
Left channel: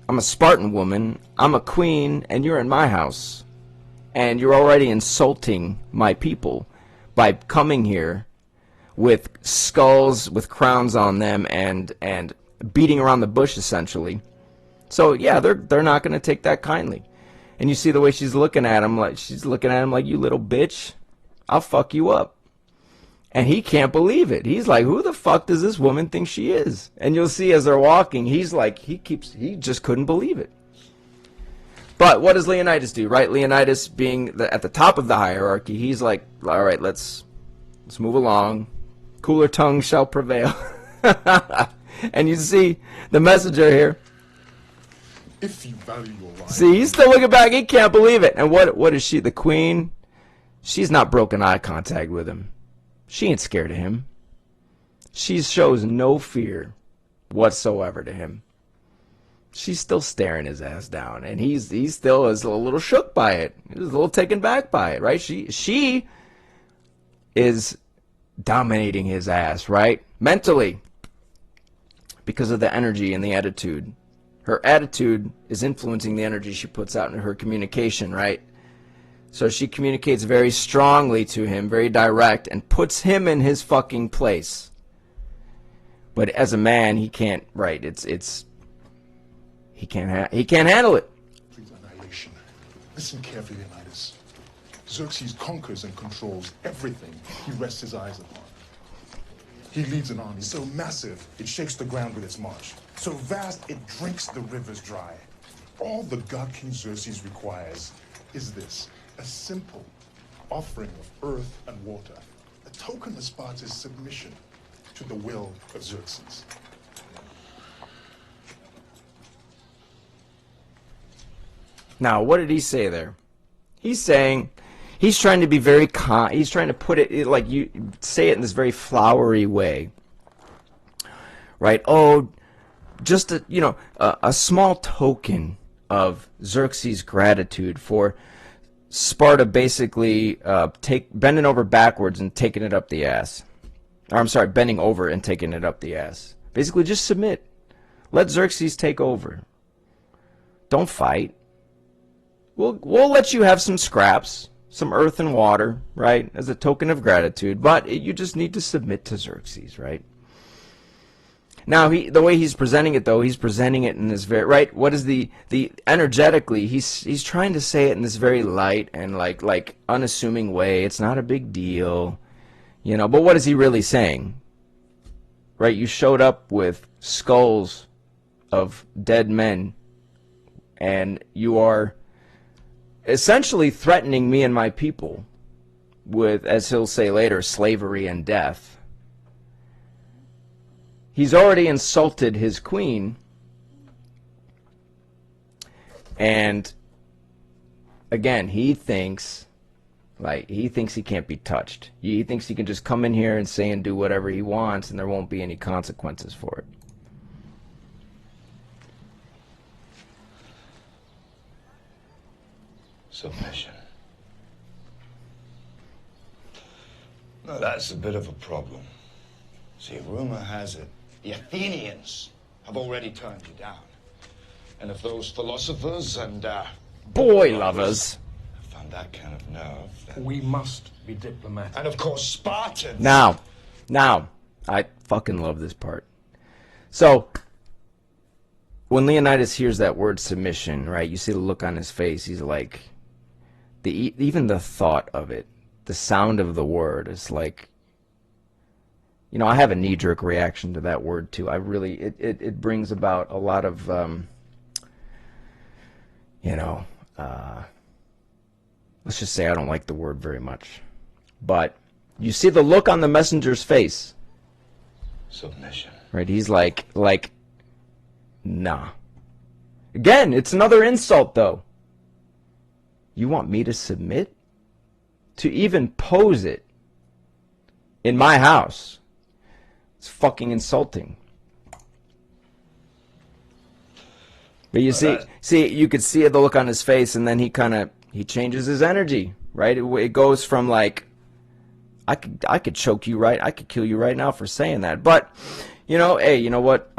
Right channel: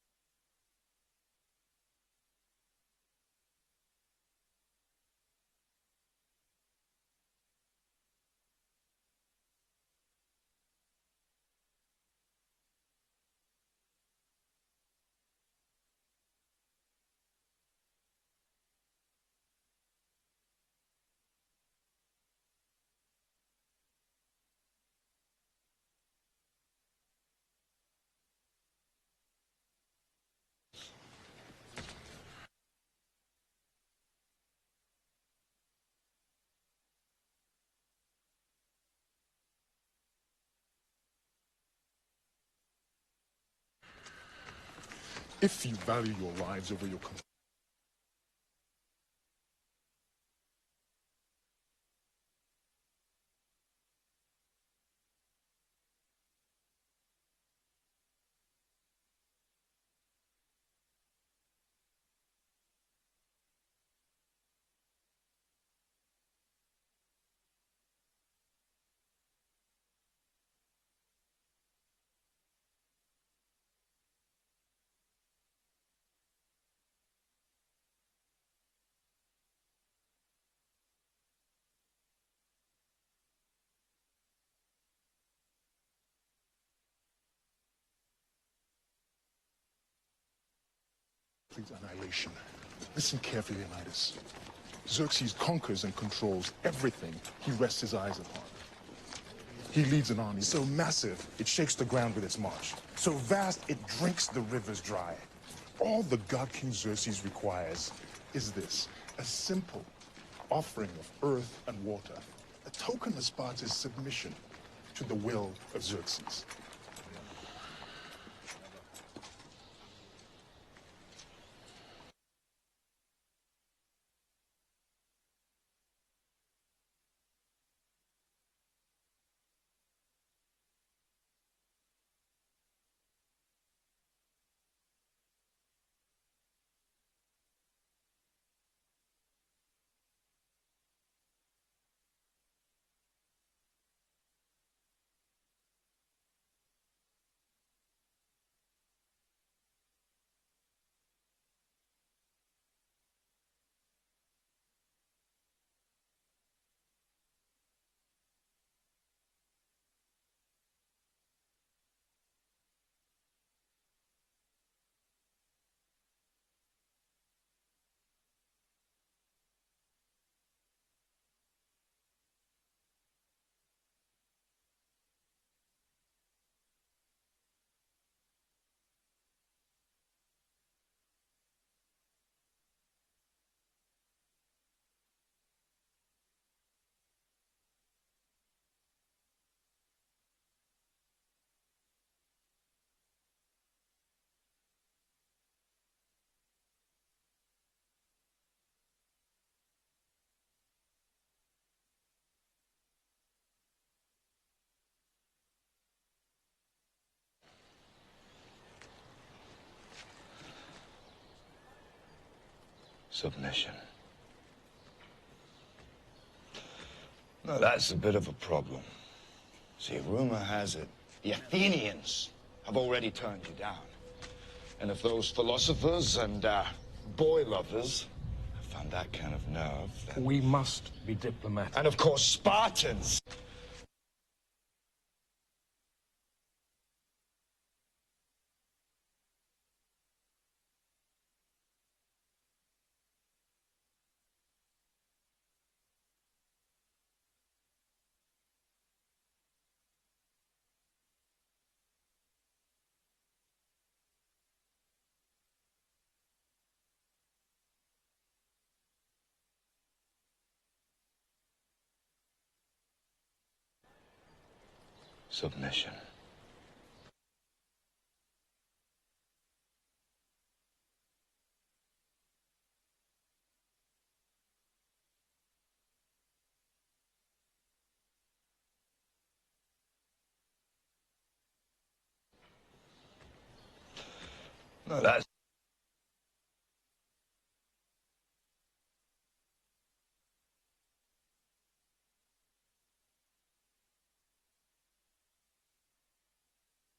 I'm a Spartan woman. I'm a queen, and you're in my house. And you're already insulting my people by coming here with skulls with crowns on them and beating around the bush, essentially. So yeah, they're not going to take that kindly. And you see the way she's looking at him, like you little bitch, I'll fuck you up. And he can't believe it. He's like, who the fuck does this woman think she is? And you'll see as they're walking, he's like, he just couldn't believe it. But what does Leonidas do, right? Leonidas, being at the top of the hierarchy, he's like, all right, let's move along. Cooler tongue shall prevail. And you see the messenger here. If you value your life... See, he's still looking back. He can't believe it. And what is she, the queen? She's not broken eye contact with him. She ain't scared of him. She shows no fear whatsoever to him. She's still staring his ass down, and he still is a little shook by it. He's a little taken back by it, right? She is dominating his ass, right? Mentally, because of the energy and the attitude. Her attitude is influencing the energy she puts out in her communication, right? So she communicates very strongly to him, very direct, and puts him in his fucking place. But as a man, he can't, right? He can't handle it. Please, annihilation. Listen carefully, Leonidas. Xerxes conquers and controls everything he rests his eyes upon. He leads an army so massive it shakes the ground with its march, so vast it drinks the rivers dry. All the god King Xerxes requires is this: a simple offering of earth and water, a token of Sparta's submission to the will of Xerxes. Now, what did he say there? He's saying, he's trying to be very he's trying to put it like you say it in this very flowery way, right? Oh, just a small token of Xerxes' gratitude for Sparta basically bending over backwards and taking it up the ass. Or, I'm sorry, bending over and taking it up the ass. Basically, just submit. Let Xerxes take over. Don't fight. We'll let you have some scraps, some earth and water, right, as a token of gratitude, but you just need to submit to Xerxes, right? Now, the way he's presenting it, though, he's presenting it in this very, right, what is the energetically, he's trying to say it in this very light and like unassuming way. It's not a big deal, but what is he really saying? Right, you showed up with skulls of dead men, and you are essentially threatening me and my people with, as he'll say later, slavery and death. He's already insulted his queen, and again, he thinks he can't be touched. He thinks he can just come in here and say and do whatever he wants, and there won't be any consequences for it. Submission. Now, that's a bit of a problem. See, rumor has it the Athenians have already turned you down. And if those philosophers and boy lovers have found that kind of nerve, then... We must be diplomatic. And of course, Spartans. Now, I fucking love this part. So, when Leonidas hears that word submission, right, you see the look on his face. He's like, even the thought of it, the sound of the word is like, I have a knee-jerk reaction to that word too. It brings about a lot of, let's just say I don't like the word very much. But you see the look on the messenger's face. Submission. Right, he's like, nah. Again, it's another insult, though. You want me to submit? To even pose it in my house. It's fucking insulting. But you see, you could see the look on his face, and then he changes his energy, right? It goes from like, I could choke you right, I could kill you right now for saying that. But, hey, you know what?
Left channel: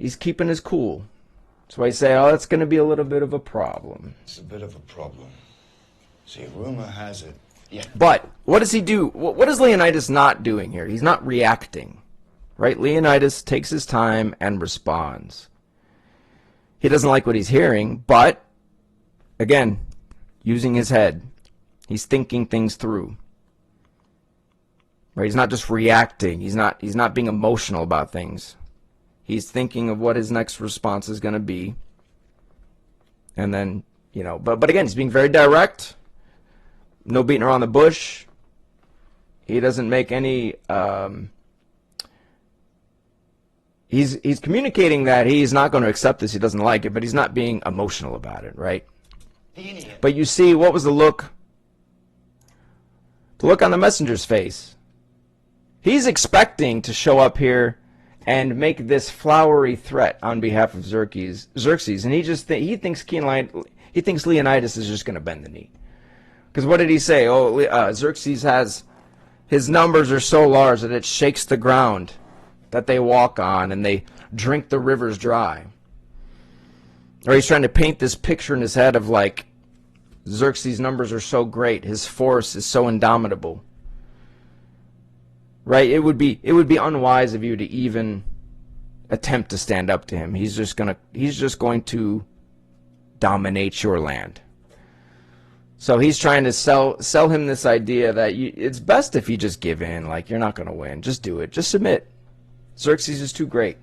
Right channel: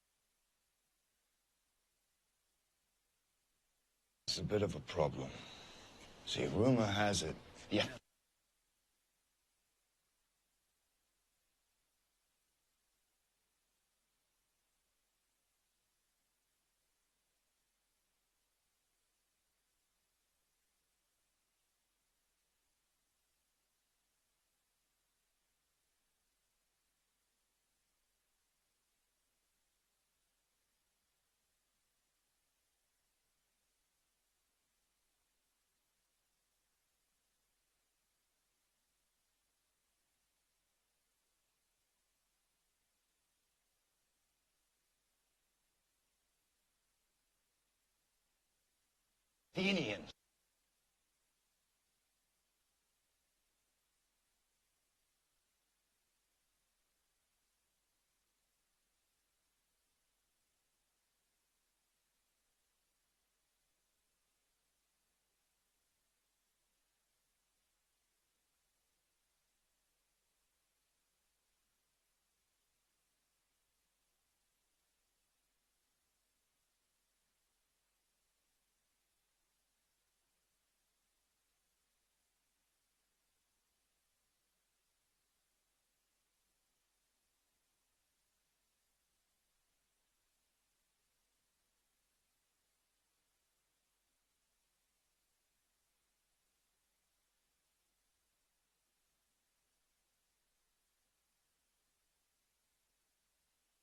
He's keeping his cool. That's why I say, oh, that's going to be a little bit of a problem. It's a bit of a problem. See, rumor has it... Yeah. But what does he do? What is Leonidas not doing here? He's not reacting, right? Leonidas takes his time and responds. He doesn't like what he's hearing, but, again, using his head. He's thinking things through. Right? He's not just reacting. He's not being emotional about things. He's thinking of what his next response is going to be, and then you know, but again, he's being very direct. No beating around the bush. He doesn't make any. He's communicating that he's not going to accept this. He doesn't like it, but he's not being emotional about it, right? But you see, what was the look? The look on the messenger's face. He's expecting to show up here and make this flowery threat on behalf of Xerxes, and he thinks Leonidas is just going to bend the knee. Because what did he say? Oh, Xerxes his numbers are so large that it shakes the ground that they walk on, and they drink the rivers dry. Or he's trying to paint this picture in his head of like, Xerxes' numbers are so great, his force is so indomitable. Right? It would be unwise of you to even attempt to stand up to him. He's just going to dominate your land. So he's trying to sell him this idea that it's best if you just give in. Like, you're not going to win. Just do it. Just submit. Xerxes is too great.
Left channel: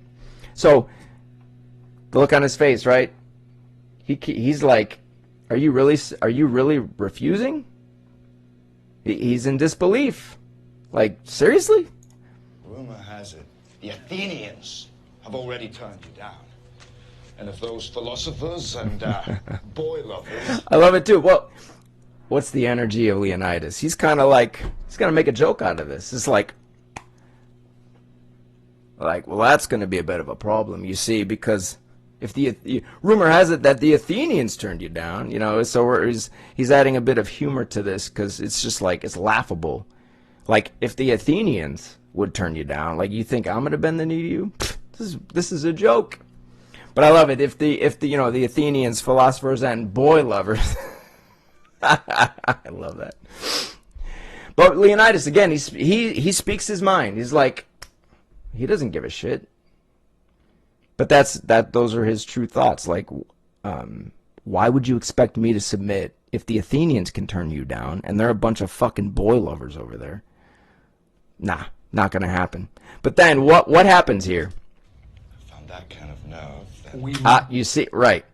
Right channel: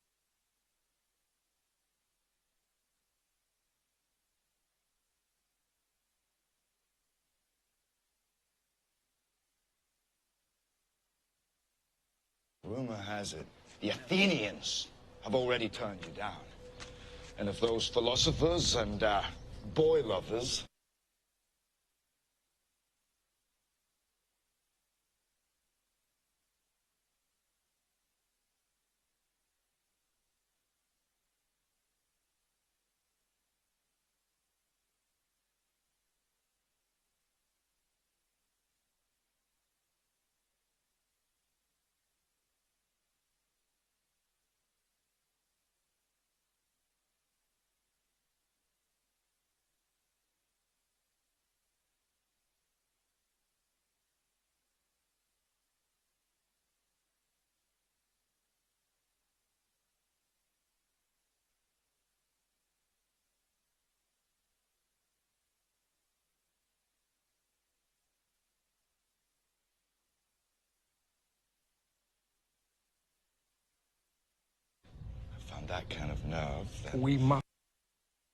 So the look on his face, right? He's like, are you really refusing? He's in disbelief. Like, seriously? Rumor has it the Athenians have already turned you down. And if those philosophers and boy lovers... I love it too. Well, what's the energy of Leonidas? He's kind of like, he's going to make a joke out of this. It's like, well, that's going to be a bit of a problem, you see, because if the rumor has it that the Athenians turned you down, you know, so he's adding a bit of humor to this because it's just like, it's laughable. Like, if the Athenians would turn you down, like, you think I'm going to bend the knee to you? This is a joke. But I love it. If the the Athenians, philosophers, and boy lovers, I love that. But Leonidas, again, he speaks his mind. He's like, he doesn't give a shit. But those are his true thoughts. Like, why would you expect me to submit if the Athenians can turn you down and they're a bunch of fucking boy lovers over there? Nah, not gonna happen. But then what happens here? I found that kind of nerve. You see, right.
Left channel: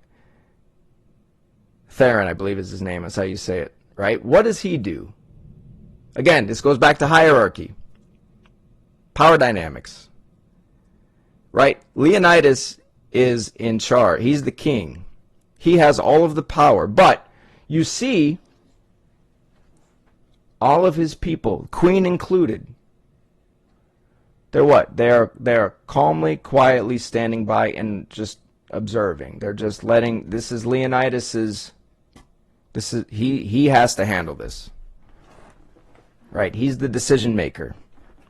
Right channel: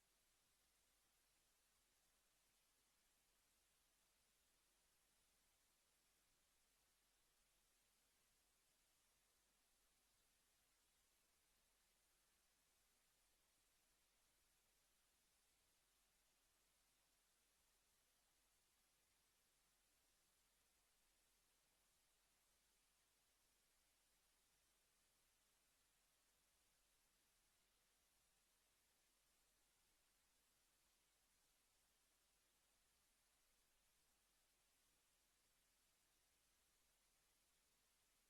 Theron, I believe is his name. That's how you say it, right? What does he do? Again, this goes back to hierarchy. Power dynamics. Right? Leonidas is in charge. He's the king. He has all of the power. But you see, all of his people, queen included, they're what? They're calmly, quietly standing by and just observing. They're just letting, this is Leonidas's, he has to handle this. Right? He's the decision maker.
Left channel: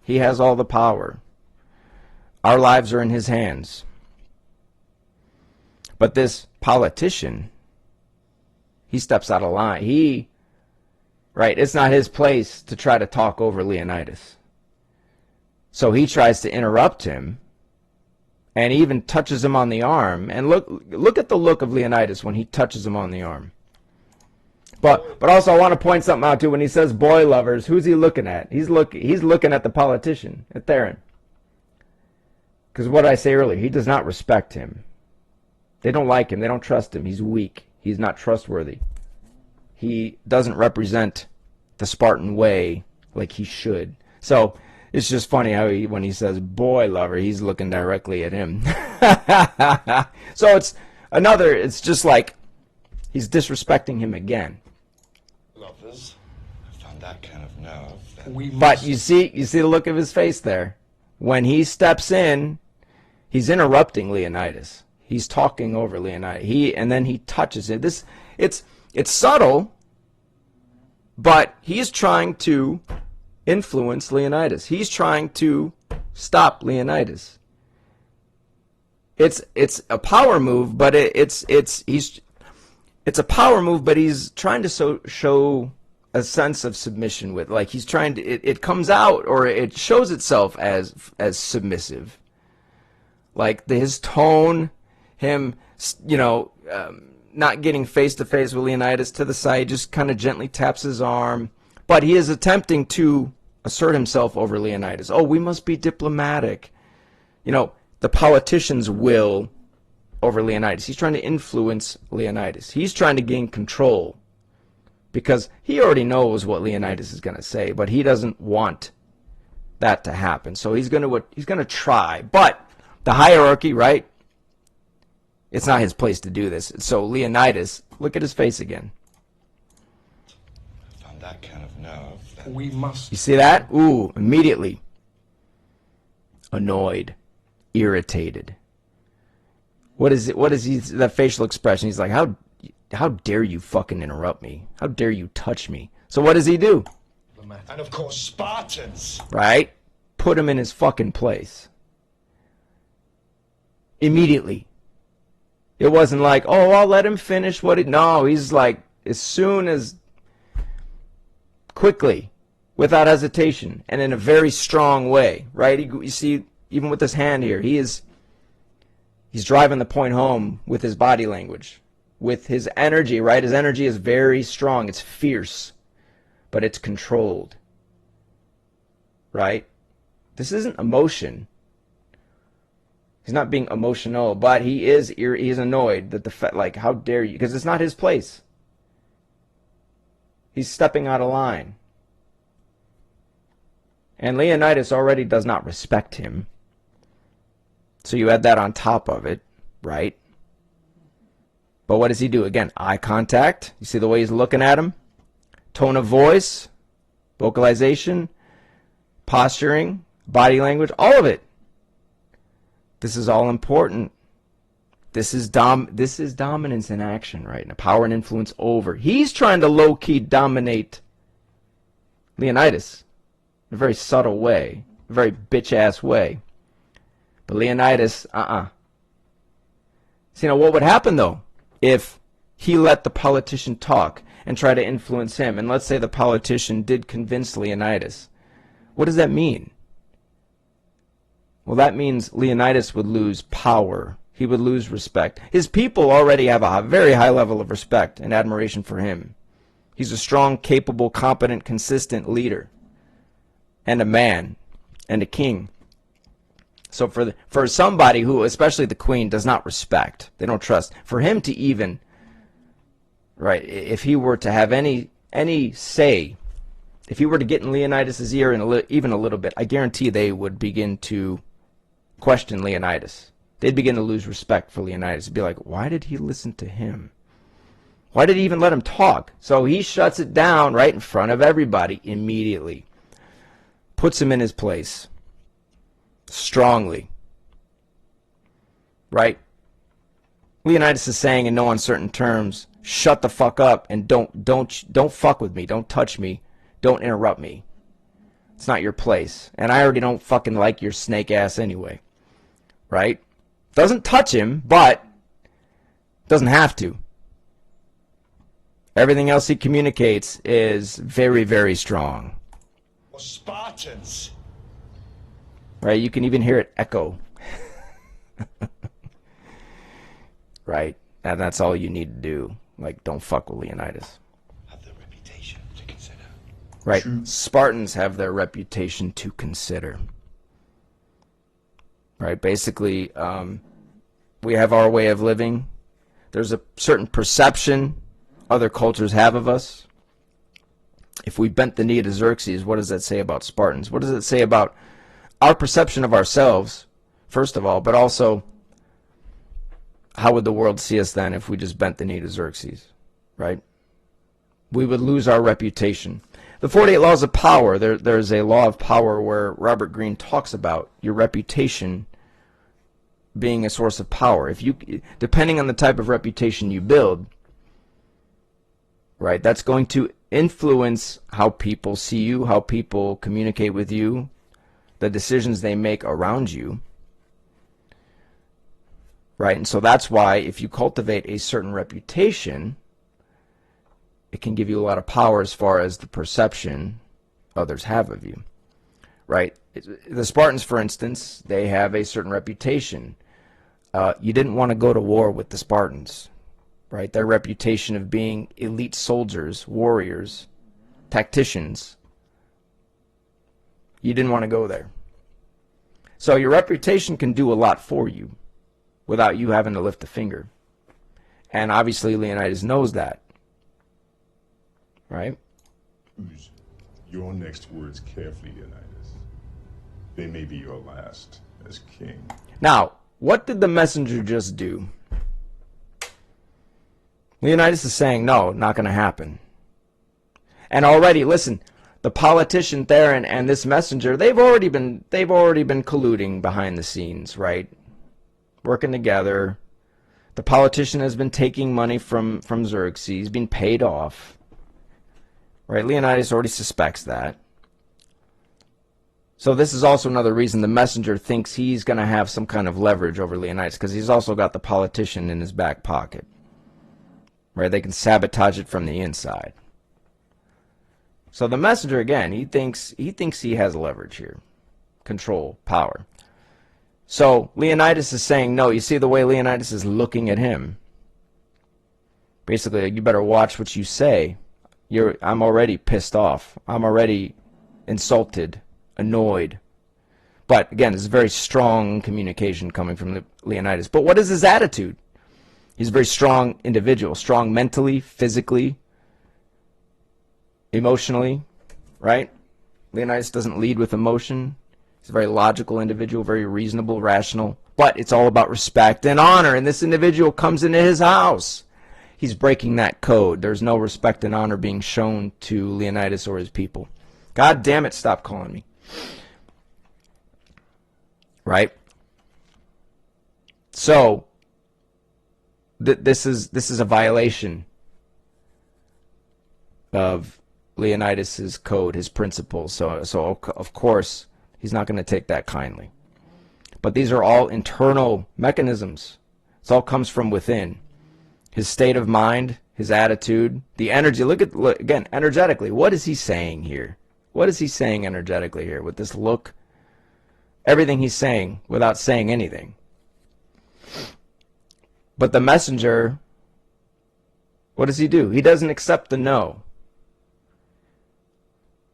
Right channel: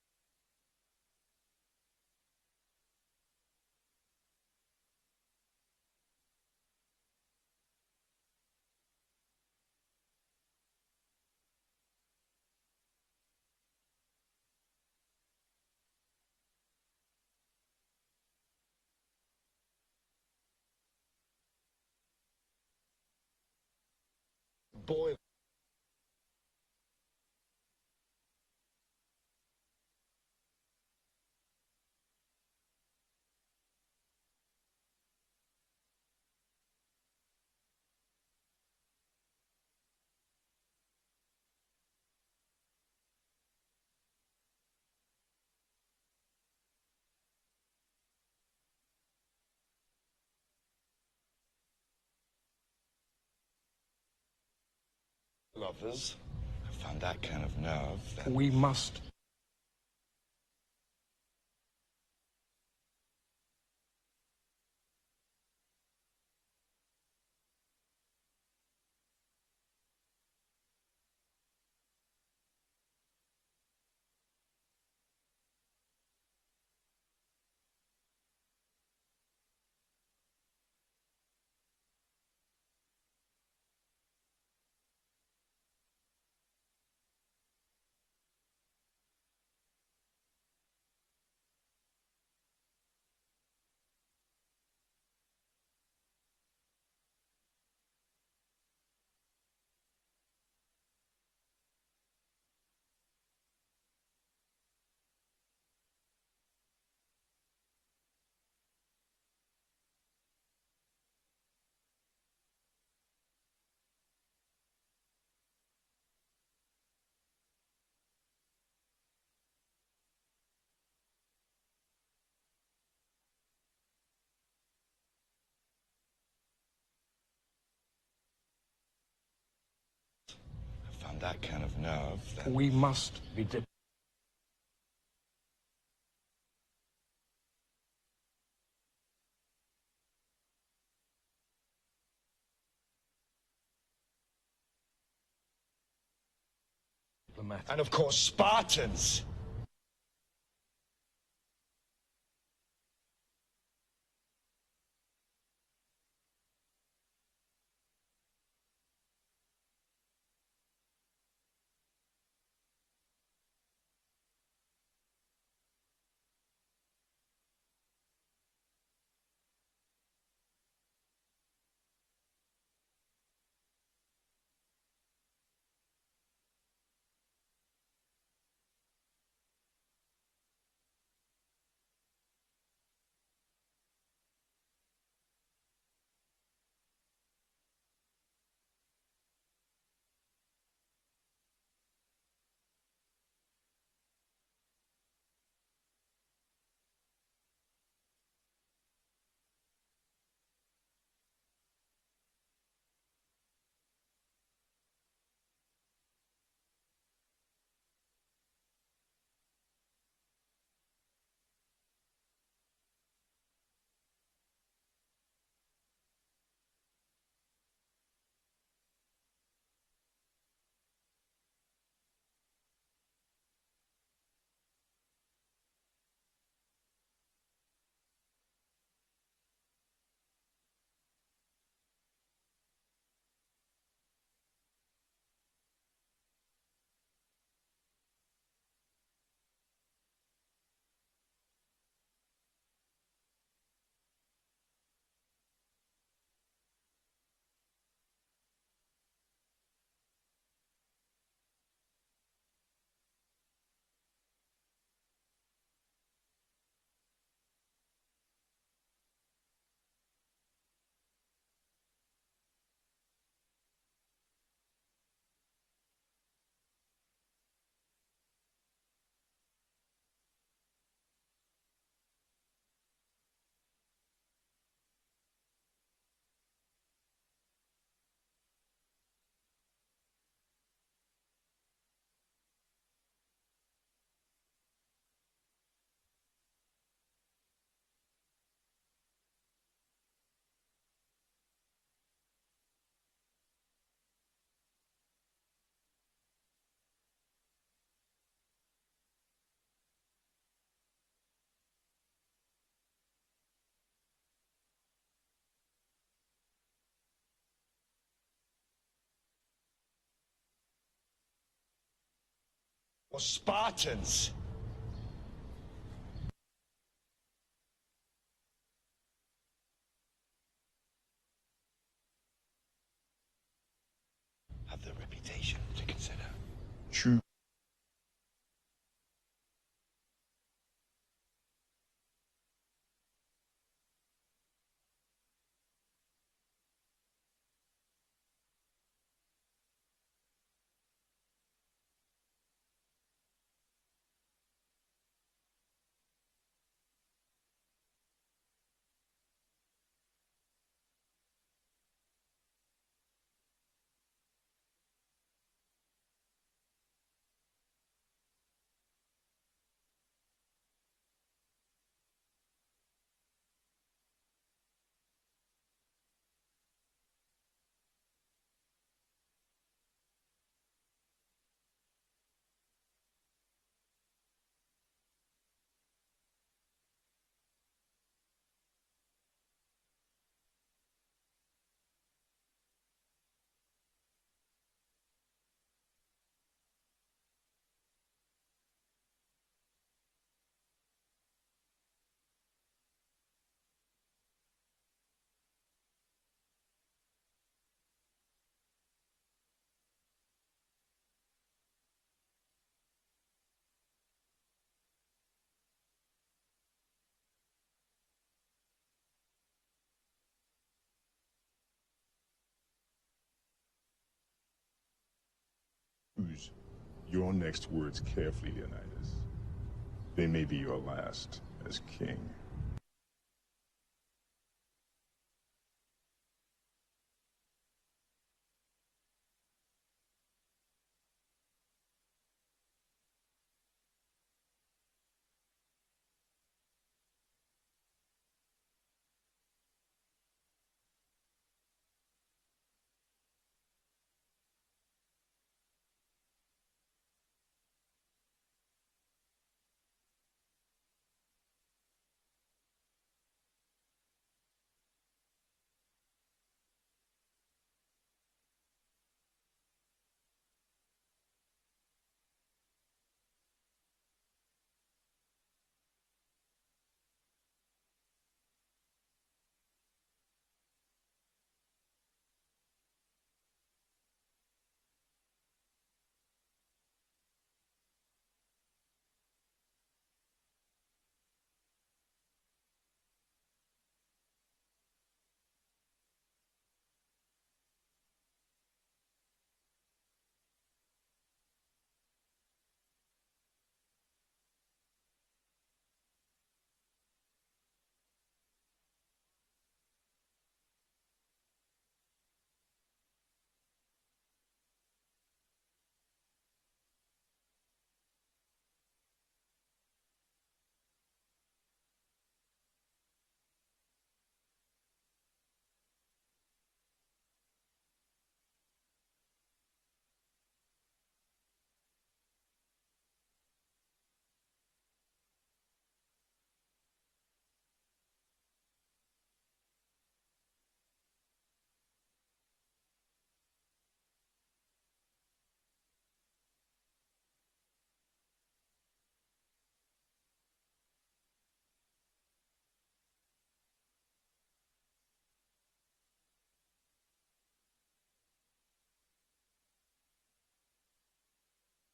He has all the power. Our lives are in his hands. But this politician, he steps out of line. Right, it's not his place to try to talk over Leonidas. So he tries to interrupt him and even touches him on the arm. And look at the look of Leonidas when he touches him on the arm. But also I want to point something out too. When he says boy lovers, who's he looking at? He's looking at the politician, at Theron. Because what I say earlier, he does not respect him. They don't like him. They don't trust him. He's weak. He's not trustworthy. He doesn't represent the Spartan way like he should. So it's just funny how when he says boy lover, he's looking directly at him. So it's just like he's disrespecting him again. Lovers, I found that kind of nerve. But you see the look of his face there. When he steps in, he's interrupting Leonidas. He's talking over Leonidas. And then he touches it. It's subtle, but he's trying to influence Leonidas. He's trying to stop Leonidas. It's a power move, but it's a power move, but he's trying to show a sense of submission with, like, he's trying to, it comes out, or it shows itself as submissive. Like his tone, him, not getting face to face with Leonidas, to the side, just kind of gently taps his arm. But he is attempting to assert himself over Leonidas. Oh, we must be diplomatic. The politicians will over Leonidas. He's trying to influence Leonidas. He's trying to gain control because he already knows what Leonidas is going to say, but he doesn't want that to happen. So he's going to try. But the hierarchy, right? It's not his place to do this. So Leonidas, look at his face again. I found that kind of nerve. Then. We must. You see that? Ooh, immediately. Annoyed. Irritated. What is it? What is he, that facial expression? He's like, how dare you fucking interrupt me? How dare you touch me? So what does he do? And of course, Spartans. Right? Put him in his fucking place. Immediately. It wasn't like, oh, I'll let him finish what it... No, he's like, as soon as... Quickly. Without hesitation. And in a very strong way. Right? You see, even with this hand here, he's driving the point home with his body language. With his energy, right? His energy is very strong. It's fierce. But it's controlled. Right? This isn't emotion. He's not being emotional, but he's annoyed that like, how dare you? Because it's not his place. He's stepping out of line. And Leonidas already does not respect him. So you add that on top of it, right? But what does he do? Again, eye contact. You see the way he's looking at him? Tone of voice, vocalization, posturing, body language, all of it. This is all important. This is dominance in action, right? Now, power and influence over. He's trying to low-key dominate Leonidas in a very subtle way, a very bitch-ass way. But Leonidas, See, now what would happen, though, if he let the politician talk and try to influence him? And let's say the politician did convince Leonidas. What does that mean? Well, that means Leonidas would lose power. He would lose respect. His people already have a very high level of respect and admiration for him. He's a strong, capable, competent, consistent leader. And a man. And a king. So for somebody who, especially the queen, does not respect, they don't trust, for him to even, right, if he were to have any say, if he were to get in Leonidas' ear even a little bit, I guarantee they would begin to question Leonidas. They'd begin to lose respect for Leonidas. They'd be like, why did he listen to him? Why did he even let him talk? So he shuts it down right in front of everybody immediately. Puts him in his place. Strongly. Right? Leonidas is saying in no uncertain terms, shut the fuck up and don't fuck with me. Don't touch me. Don't interrupt me. It's not your place. And I already don't fucking like your snake ass anyway. Right? Doesn't touch him, but doesn't have to. Everything else he communicates is very, very strong. Or Spartans. Right? You can even hear it echo. Right? And that's all you need to do. Like, don't fuck with Leonidas. Have their reputation to consider. Right? True. Spartans have their reputation to consider. Right? Basically, we have our way of living. There's a certain perception other cultures have of us. If we bent the knee to Xerxes, what does that say about Spartans? What does it say about our perception of ourselves, first of all, but also how would the world see us then if we just bent the knee to Xerxes, right? We would lose our reputation. The 48 Laws of Power, there's a law of power where Robert Greene talks about your reputation being a source of power. If you, depending on the type of reputation you build, right, that's going to influence how people see you, how people communicate with you, the decisions they make around you. Right? And so that's why if you cultivate a certain reputation, it can give you a lot of power as far as the perception others have of you. Right? The Spartans, for instance, they have a certain reputation. You didn't want to go to war with the Spartans. Right? Their reputation of being elite soldiers, warriors, tacticians. You didn't want to go there. So your reputation can do a lot for you. without you having to lift a finger. And obviously Leonidas knows that. Right? Choose your next words carefully, Leonidas. They may be your last as king. Now, what did the messenger just do? Leonidas is saying, no, not going to happen. And already, listen, the politician there and this messenger, they've already been colluding behind the scenes, right? Working together. The politician has been taking money from Xerxes, being paid off. Right? Leonidas already suspects that. So this is also another reason the messenger thinks he's going to have some kind of leverage over Leonidas, because he's also got the politician in his back pocket. Right? They can sabotage it from the inside. So the messenger, again, he thinks he has leverage here. Control, power. So Leonidas is saying no. You see the way Leonidas is looking at him. Basically, you better watch what you say. I'm already pissed off. I'm already insulted, annoyed. But again, it's very strong communication coming from Leonidas. But what is his attitude? He's a very strong individual, strong mentally, physically, emotionally, right? Leonidas doesn't lead with emotion. He's a very logical individual, very reasonable, rational. But it's all about respect and honor. And this individual comes into his house. He's breaking that code. There's no respect and honor being shown to Leonidas or his people. God damn it, stop calling me. Right? So, this is a violation of Leonidas's code, his principles. So of course, he's not going to take that kindly. But these are all internal mechanisms. It all comes from within. His state of mind, his attitude, the energy. Look again, energetically. What is he saying here? What is he saying energetically here with this look? Everything he's saying without saying anything. But the messenger, what does he do? He doesn't accept the no.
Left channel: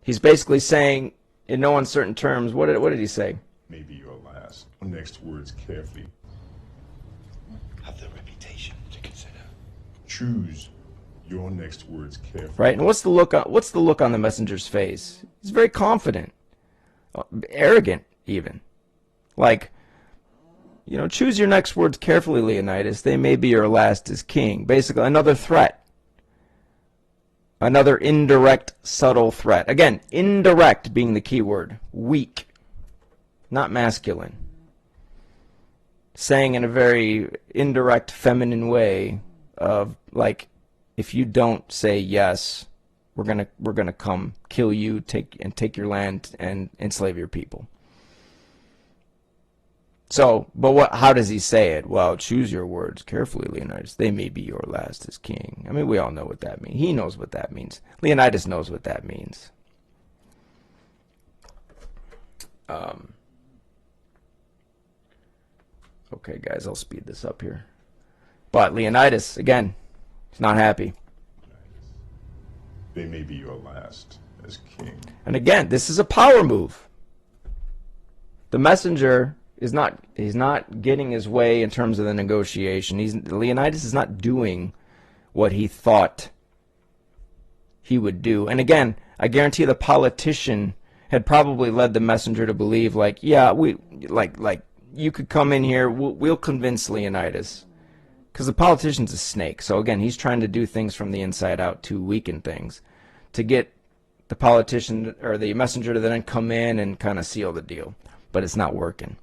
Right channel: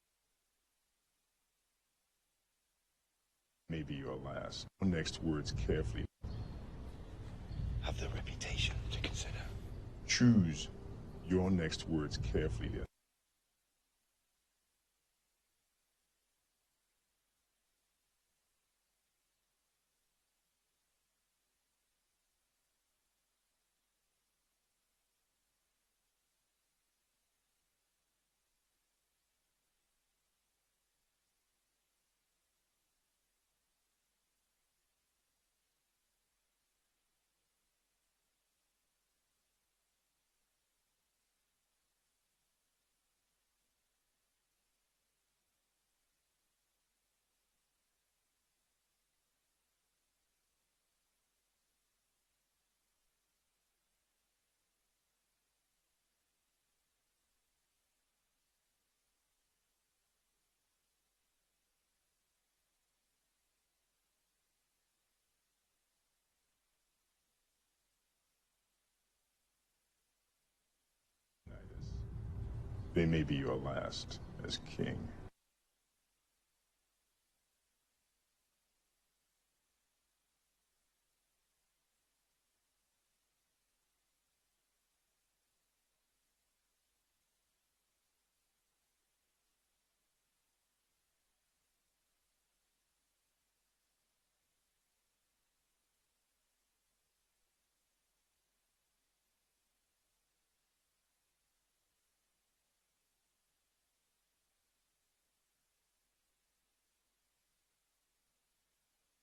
He's basically saying, in no uncertain terms, what did he say? Maybe your last. Next words carefully. Have the reputation to consider. Choose your next words carefully. Right? And what's the look on the messenger's face? He's very confident, arrogant even. Like, choose your next words carefully, Leonidas. They may be your last as king. Basically, another threat. Another indirect, subtle threat. Again, indirect being the key word. Weak. Not masculine. Saying in a very indirect, feminine way of, like, if you don't say yes, we're gonna come kill you, take your land and enslave your people. So, but how does he say it? Well, choose your words carefully, Leonidas. They may be your last as king. I mean, we all know what that means. He knows what that means. Leonidas knows what that means. Okay, guys, I'll speed this up here. But Leonidas, again, he's not happy. They may be your last as king. And again, this is a power move. The messenger he's not getting his way in terms of the negotiation. Leonidas is not doing what he thought he would do. And again, I guarantee the politician had probably led the messenger to believe, like, yeah, you could come in here, we'll convince Leonidas. Because the politician's a snake. So again, he's trying to do things from the inside out to weaken things, to get the politician or the messenger to then come in and kind of seal the deal. But it's not working.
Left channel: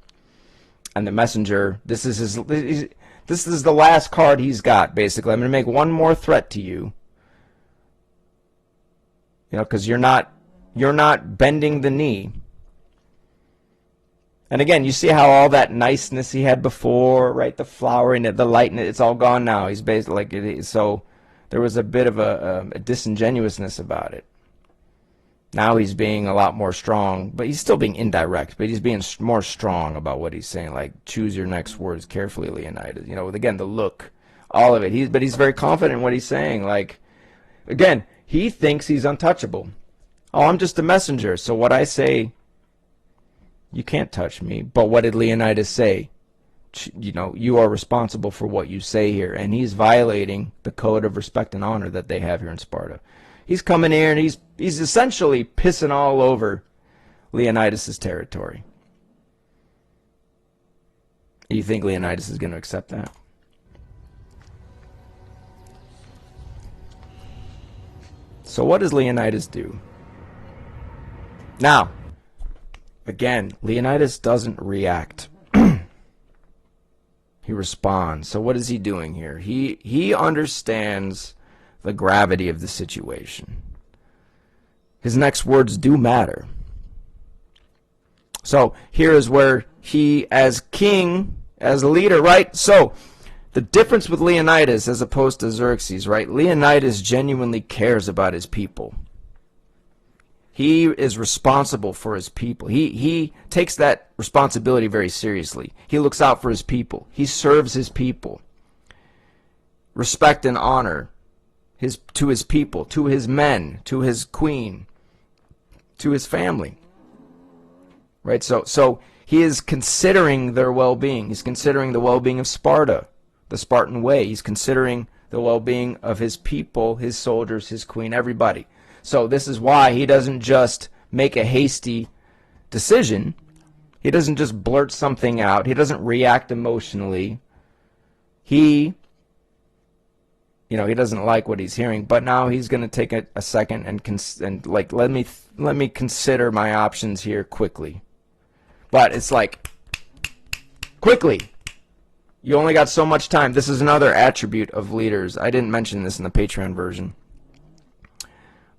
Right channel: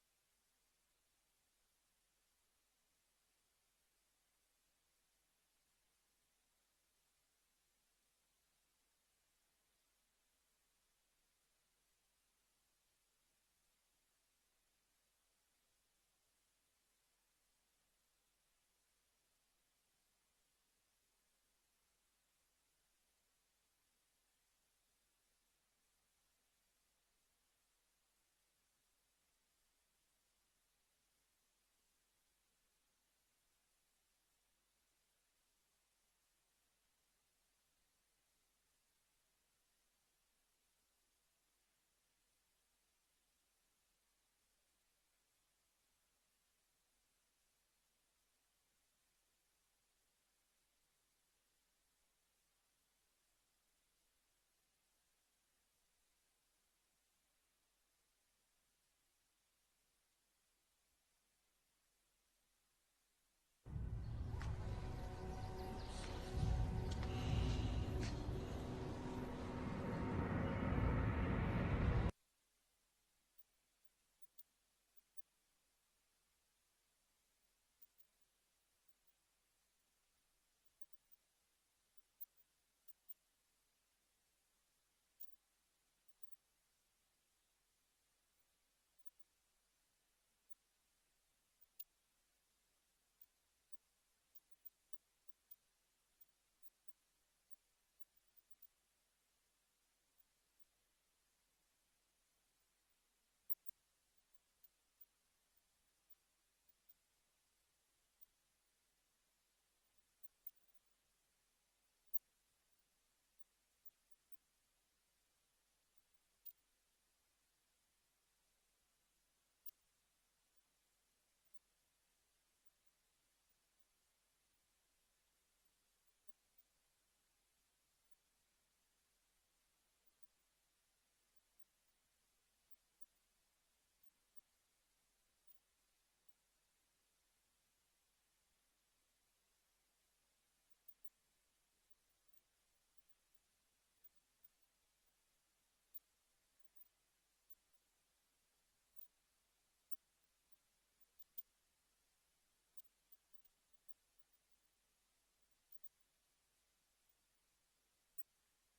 And the messenger, this is the last card he's got, basically. I'm going to make one more threat to you. Because you're not bending the knee. And again, you see how all that niceness he had before, right? The flowering, the lightness, it's all gone now. He's basically so there was a bit of a disingenuousness about it. Now he's being a lot more strong, but he's still being indirect, but he's being more strong about what he's saying, like, choose your next words carefully, Leonidas. With, again, the look, all of it. But he's very confident in what he's saying. Like, again, he thinks he's untouchable. Oh, I'm just a messenger, so what I say, you can't touch me. But what did Leonidas say? you know, you are responsible for what you say here. And he's violating the code of respect and honor that they have here in Sparta. He's coming here and he's essentially pissing all over Leonidas' territory. Do you think Leonidas is going to accept that? So what does Leonidas do? Now, again, Leonidas doesn't react. He responds. So what is he doing here? He understands the gravity of the situation. His next words do matter. So here is where he, as king, as a leader, right? So the difference with Leonidas as opposed to Xerxes, right? Leonidas genuinely cares about his people. He is responsible for his people. He takes that responsibility very seriously. He looks out for his people. He serves his people. Respect and honor to his people, to his men, to his queen, to his family. Right? So he is considering their well-being. He's considering the well-being of Sparta, the Spartan way. He's considering the well-being of his people, his soldiers, his queen, everybody. So this is why he doesn't just make a hasty decision. He doesn't just blurt something out. He doesn't react emotionally. He doesn't like what he's hearing, but now he's going to take a second and like let me consider my options here quickly. But it's like, quickly. You only got so much time. This is another attribute of leaders. I didn't mention this in the Patreon version.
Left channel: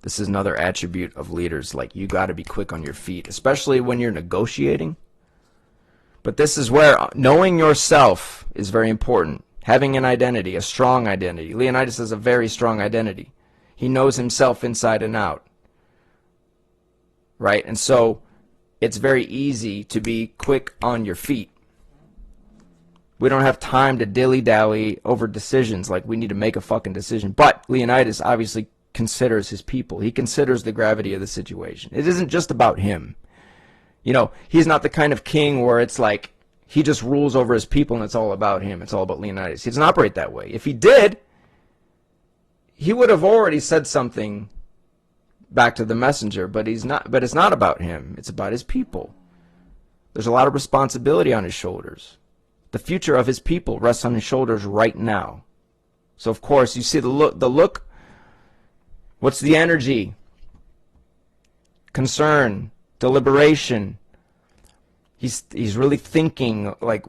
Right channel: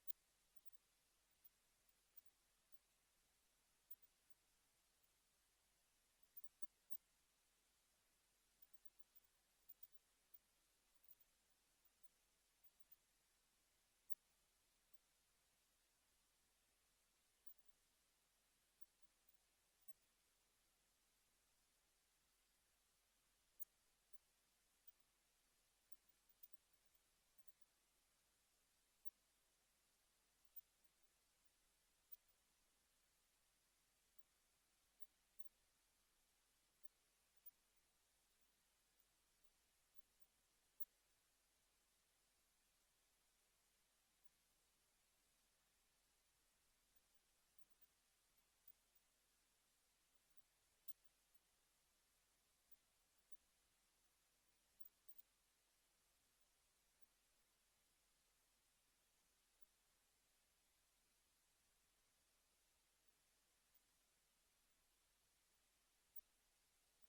This is another attribute of leaders. Like, you got to be quick on your feet, especially when you're negotiating. But this is where knowing yourself is very important. Having an identity, a strong identity. Leonidas has a very strong identity. He knows himself inside and out. Right? And so it's very easy to be quick on your feet. We don't have time to dilly-dally over decisions like we need to make a fucking decision. But Leonidas obviously considers his people. He considers the gravity of the situation. It isn't just about him. You know, he's not the kind of king where it's like he just rules over his people and it's all about him. It's all about Leonidas. He doesn't operate that way. If he did, he would have already said something back to the messenger, but he's not. But it's not about him. It's about his people. There's a lot of responsibility on his shoulders. The future of his people rests on his shoulders right now. So of course, you see the look. What's the energy? Concern, deliberation. He's really thinking like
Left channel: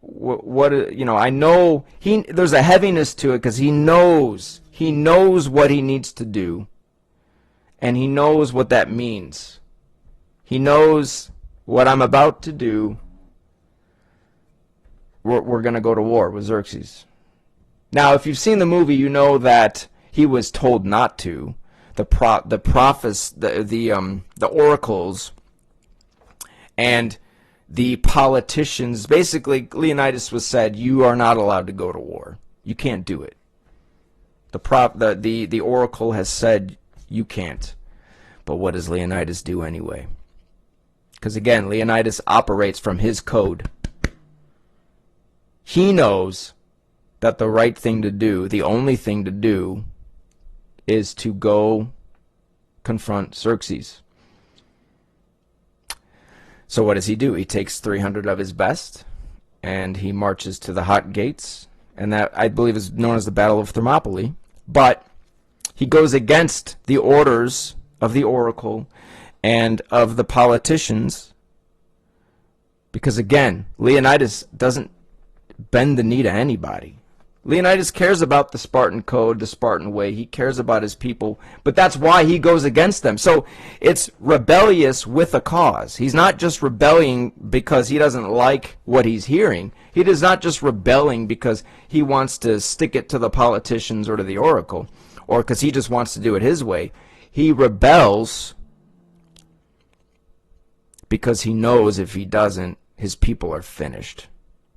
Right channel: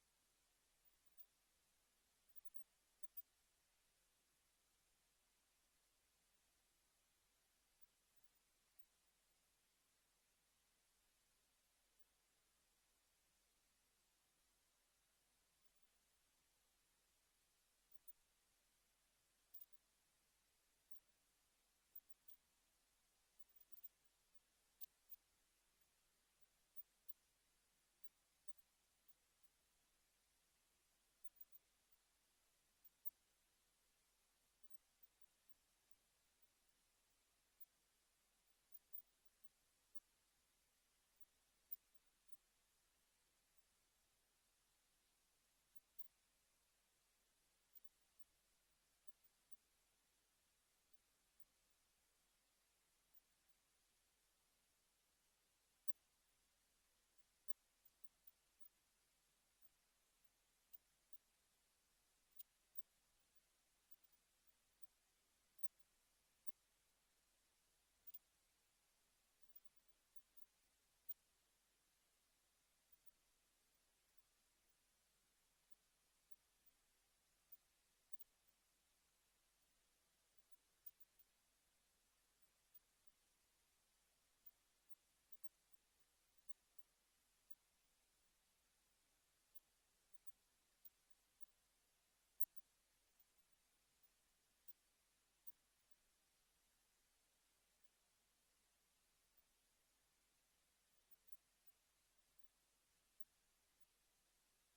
what I know there's a heaviness to it because he knows what he needs to do, and he knows what that means. He knows what I'm about to do. We're going to go to war with Xerxes. Now, if you've seen the movie, you know that he was told not to. The prophets, the oracles, and the politicians. Basically, Leonidas was said, "You are not allowed to go to war. You can't do it." The oracle has said you can't. But what does Leonidas do anyway? Because again, Leonidas operates from his code. He knows that the right thing to do, the only thing to do, is to go confront Xerxes. So what does he do? He takes 300 of his best, and he marches to the Hot Gates, and that, I believe, is known as the Battle of Thermopylae. But he goes against the orders of the oracle and of the politicians, because, again, Leonidas doesn't bend the knee to anybody. Leonidas cares about the Spartan code, the Spartan way. He cares about his people, but that's why he goes against them. So it's rebellious with a cause. He's not just rebelling because he doesn't like what he's hearing. He is not just rebelling because he wants to stick it to the politicians or to the oracle, or because he just wants to do it his way. He rebels because he knows if he doesn't, his people are finished.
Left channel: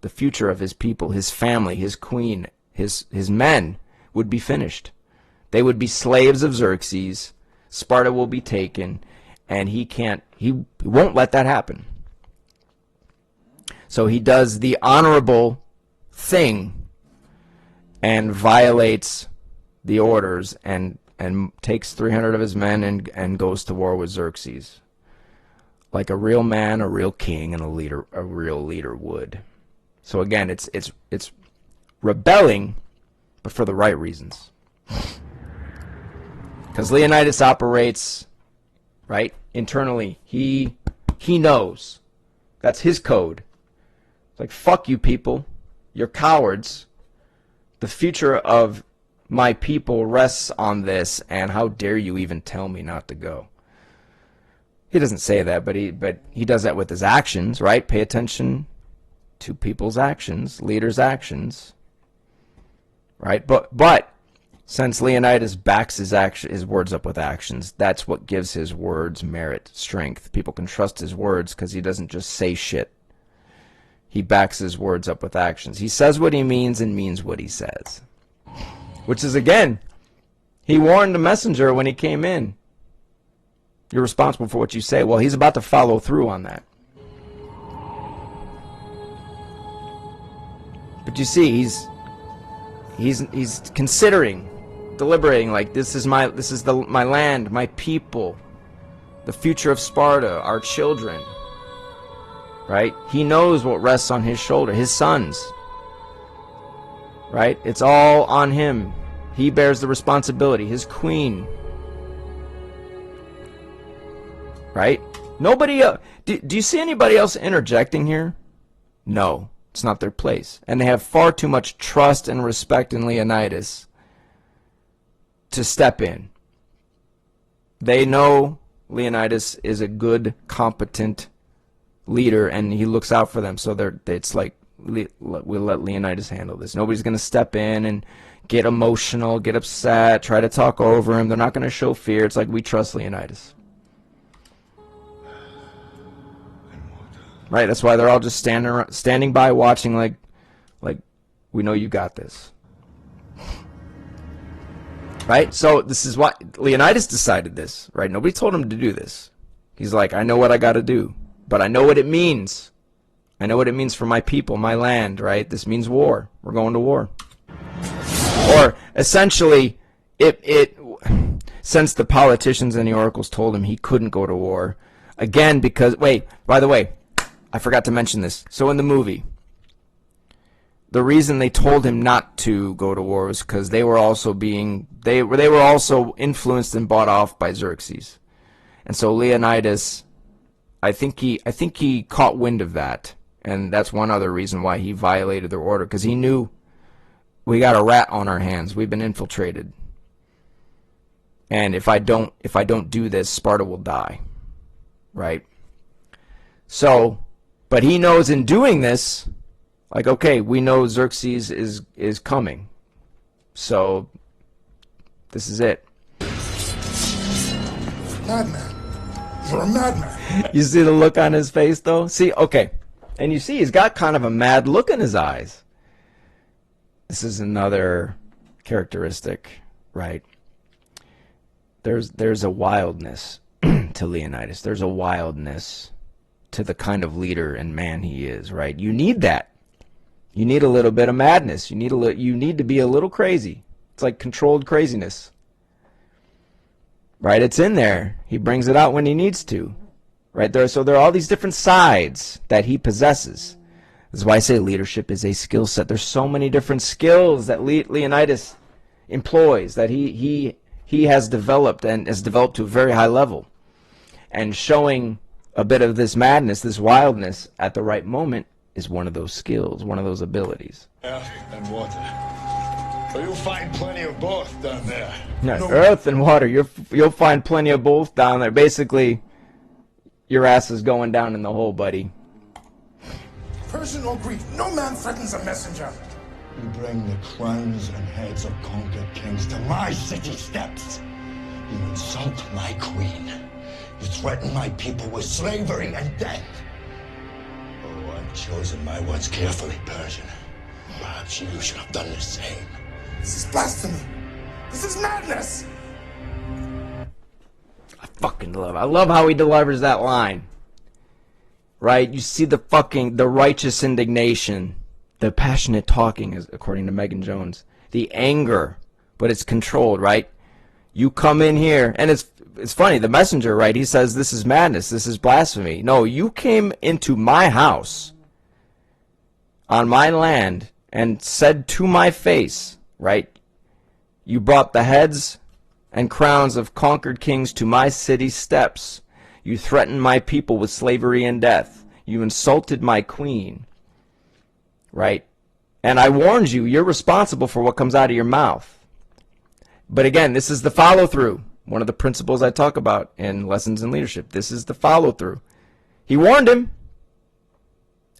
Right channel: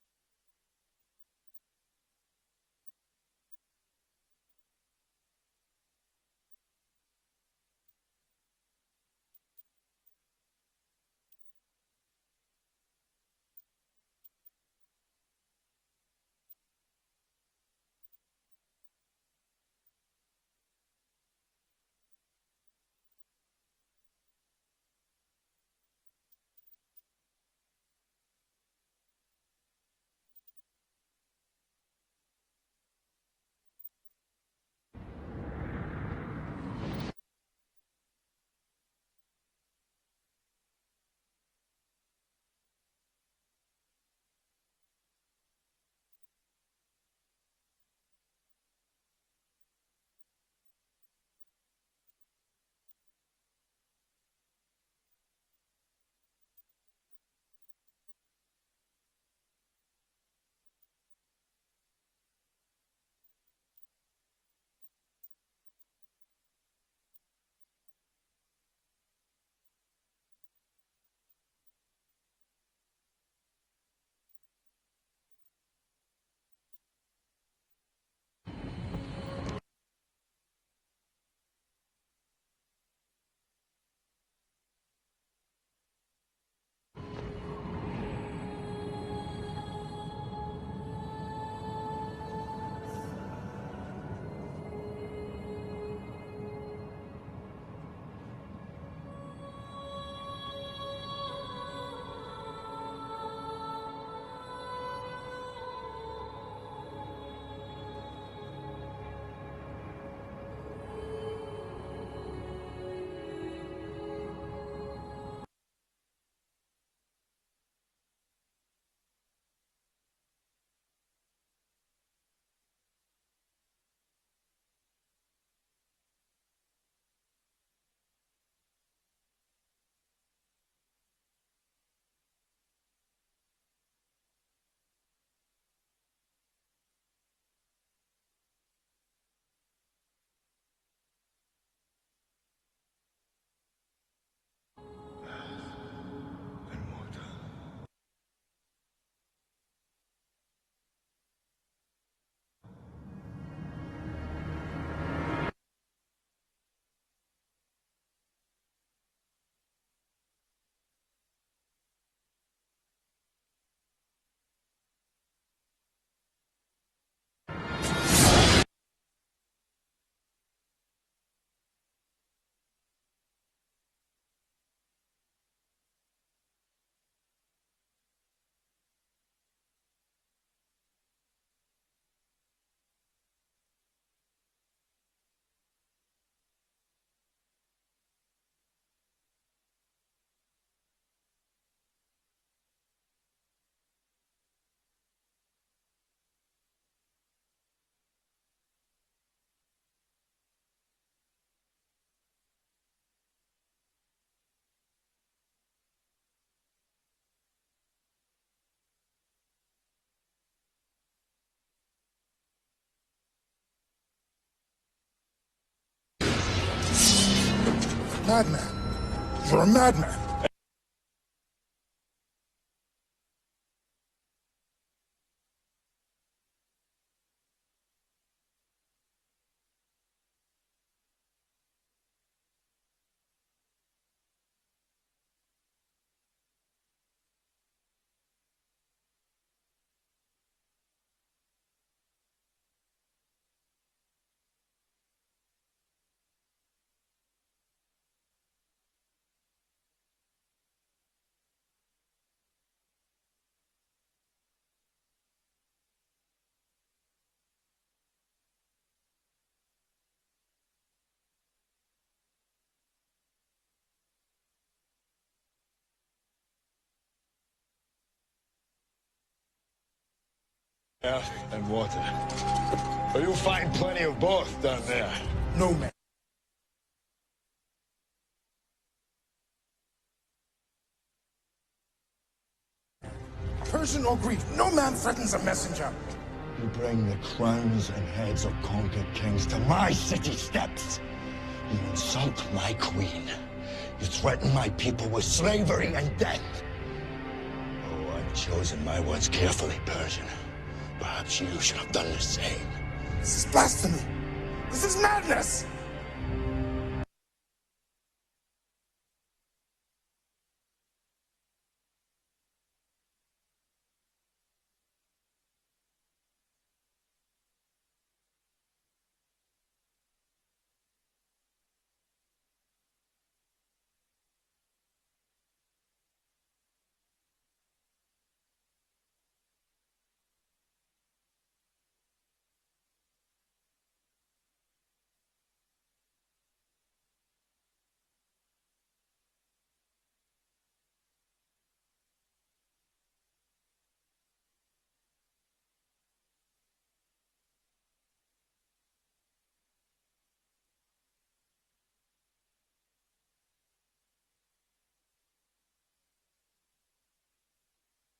The future of his people, his family, his queen, his men would be finished. They would be slaves of Xerxes. Sparta will be taken, and he won't let that happen. So he does the honorable thing and violates the orders and takes 300 of his men and goes to war with Xerxes. Like a real man, a real king, and a real leader would. So again, it's rebelling, but for the right reasons. Because Leonidas operates, right, internally. He knows. That's his code. It's like, fuck you people. You're cowards. The future of my people rests on this, and how dare you even tell me not to go? He doesn't say that, but he does that with his actions, right? Pay attention to people's actions, leaders' actions, right? But since Leonidas backs his words up with actions, that's what gives his words merit, strength. People can trust his words because he doesn't just say shit. He backs his words up with actions. He says what he means and means what he says. Which is, again, he warned the messenger when he came in. You're responsible for what you say. Well, he's about to follow through on that. But you see, he's considering, deliberating, like, this is my land, my people, the future of Sparta, our children. Right? He knows what rests on his shoulder, his sons. Right? It's all on him. He bears the responsibility, his queen. Right? Nobody do you see anybody else interjecting here? No, it's not their place. And they have far too much trust and respect in Leonidas to step in. They know Leonidas is a good, competent leader, and he looks out for them. So it's like, we'll let Leonidas handle this. Nobody's going to step in and get emotional, get upset, try to talk over him. They're not going to show fear. It's like, we trust Leonidas. Right, that's why they're all just standing by, watching, like we know you got this. Right, so this is why Leonidas decided this. Right, nobody told him to do this. He's like, I know what I got to do, but I know what it means. I know what it means for my people, my land. Right, this means war. We're going to war. Or essentially, since the politicians and the oracles told him he couldn't go to war, again, because by the way, I forgot to mention this. So in the movie, the reason they told him not to go to war was because they were also influenced and bought off by Xerxes. And so Leonidas, I think he caught wind of that, and that's one other reason why he violated their order, because he knew, we got a rat on our hands. We've been infiltrated. And if I don't do this, Sparta will die. Right? So, but he knows in doing this, like, okay, we know Xerxes is coming. So this is it. Madman. You're a madman. You see the look on his face, though? See, okay. And you see he's got kind of a mad look in his eyes. This is another characteristic, right? There's a wildness to Leonidas. There's a wildness to the kind of leader and man he is, right? You need that. You need a little bit of madness. You need to be a little crazy. It's like controlled craziness. Right? It's in there. He brings it out when he needs to. Right? So there are all these different sides that he possesses. This is why I say leadership is a skill set. There's so many different skills that Leonidas employs, that he has developed, and has developed to a very high level. And showing a bit of this madness, this wildness at the right moment is one of those skills, one of those abilities. Earth and water. Well, you'll find plenty of both down there. No. Earth and water, you'll find plenty of both down there. Basically, your ass is going down in the hole, buddy. Persian or Greek, no man threatens a messenger. You bring the crowns and heads of conquered kings to my city steps. You insult my queen. You threaten my people with slavery and death. Oh, I've chosen my words carefully, Persian. Perhaps you should have done the same. This is blasphemy. This is madness. I love how he delivers that line. right? You see the righteous indignation, the passionate talking, is according to Megan Jones, the anger, but it's controlled, right? You come in here, and it's funny, the messenger, right? He says, this is madness, this is blasphemy. No, you came into my house, on my land, and said to my face, right? You brought the heads and crowns of conquered kings to my city steps. You threatened my people with slavery and death. You insulted my queen, right? And I warned you, you're responsible for what comes out of your mouth. But again, this is the follow-through. One of the principles I talk about in Lessons in Leadership. This is the follow-through. He warned him,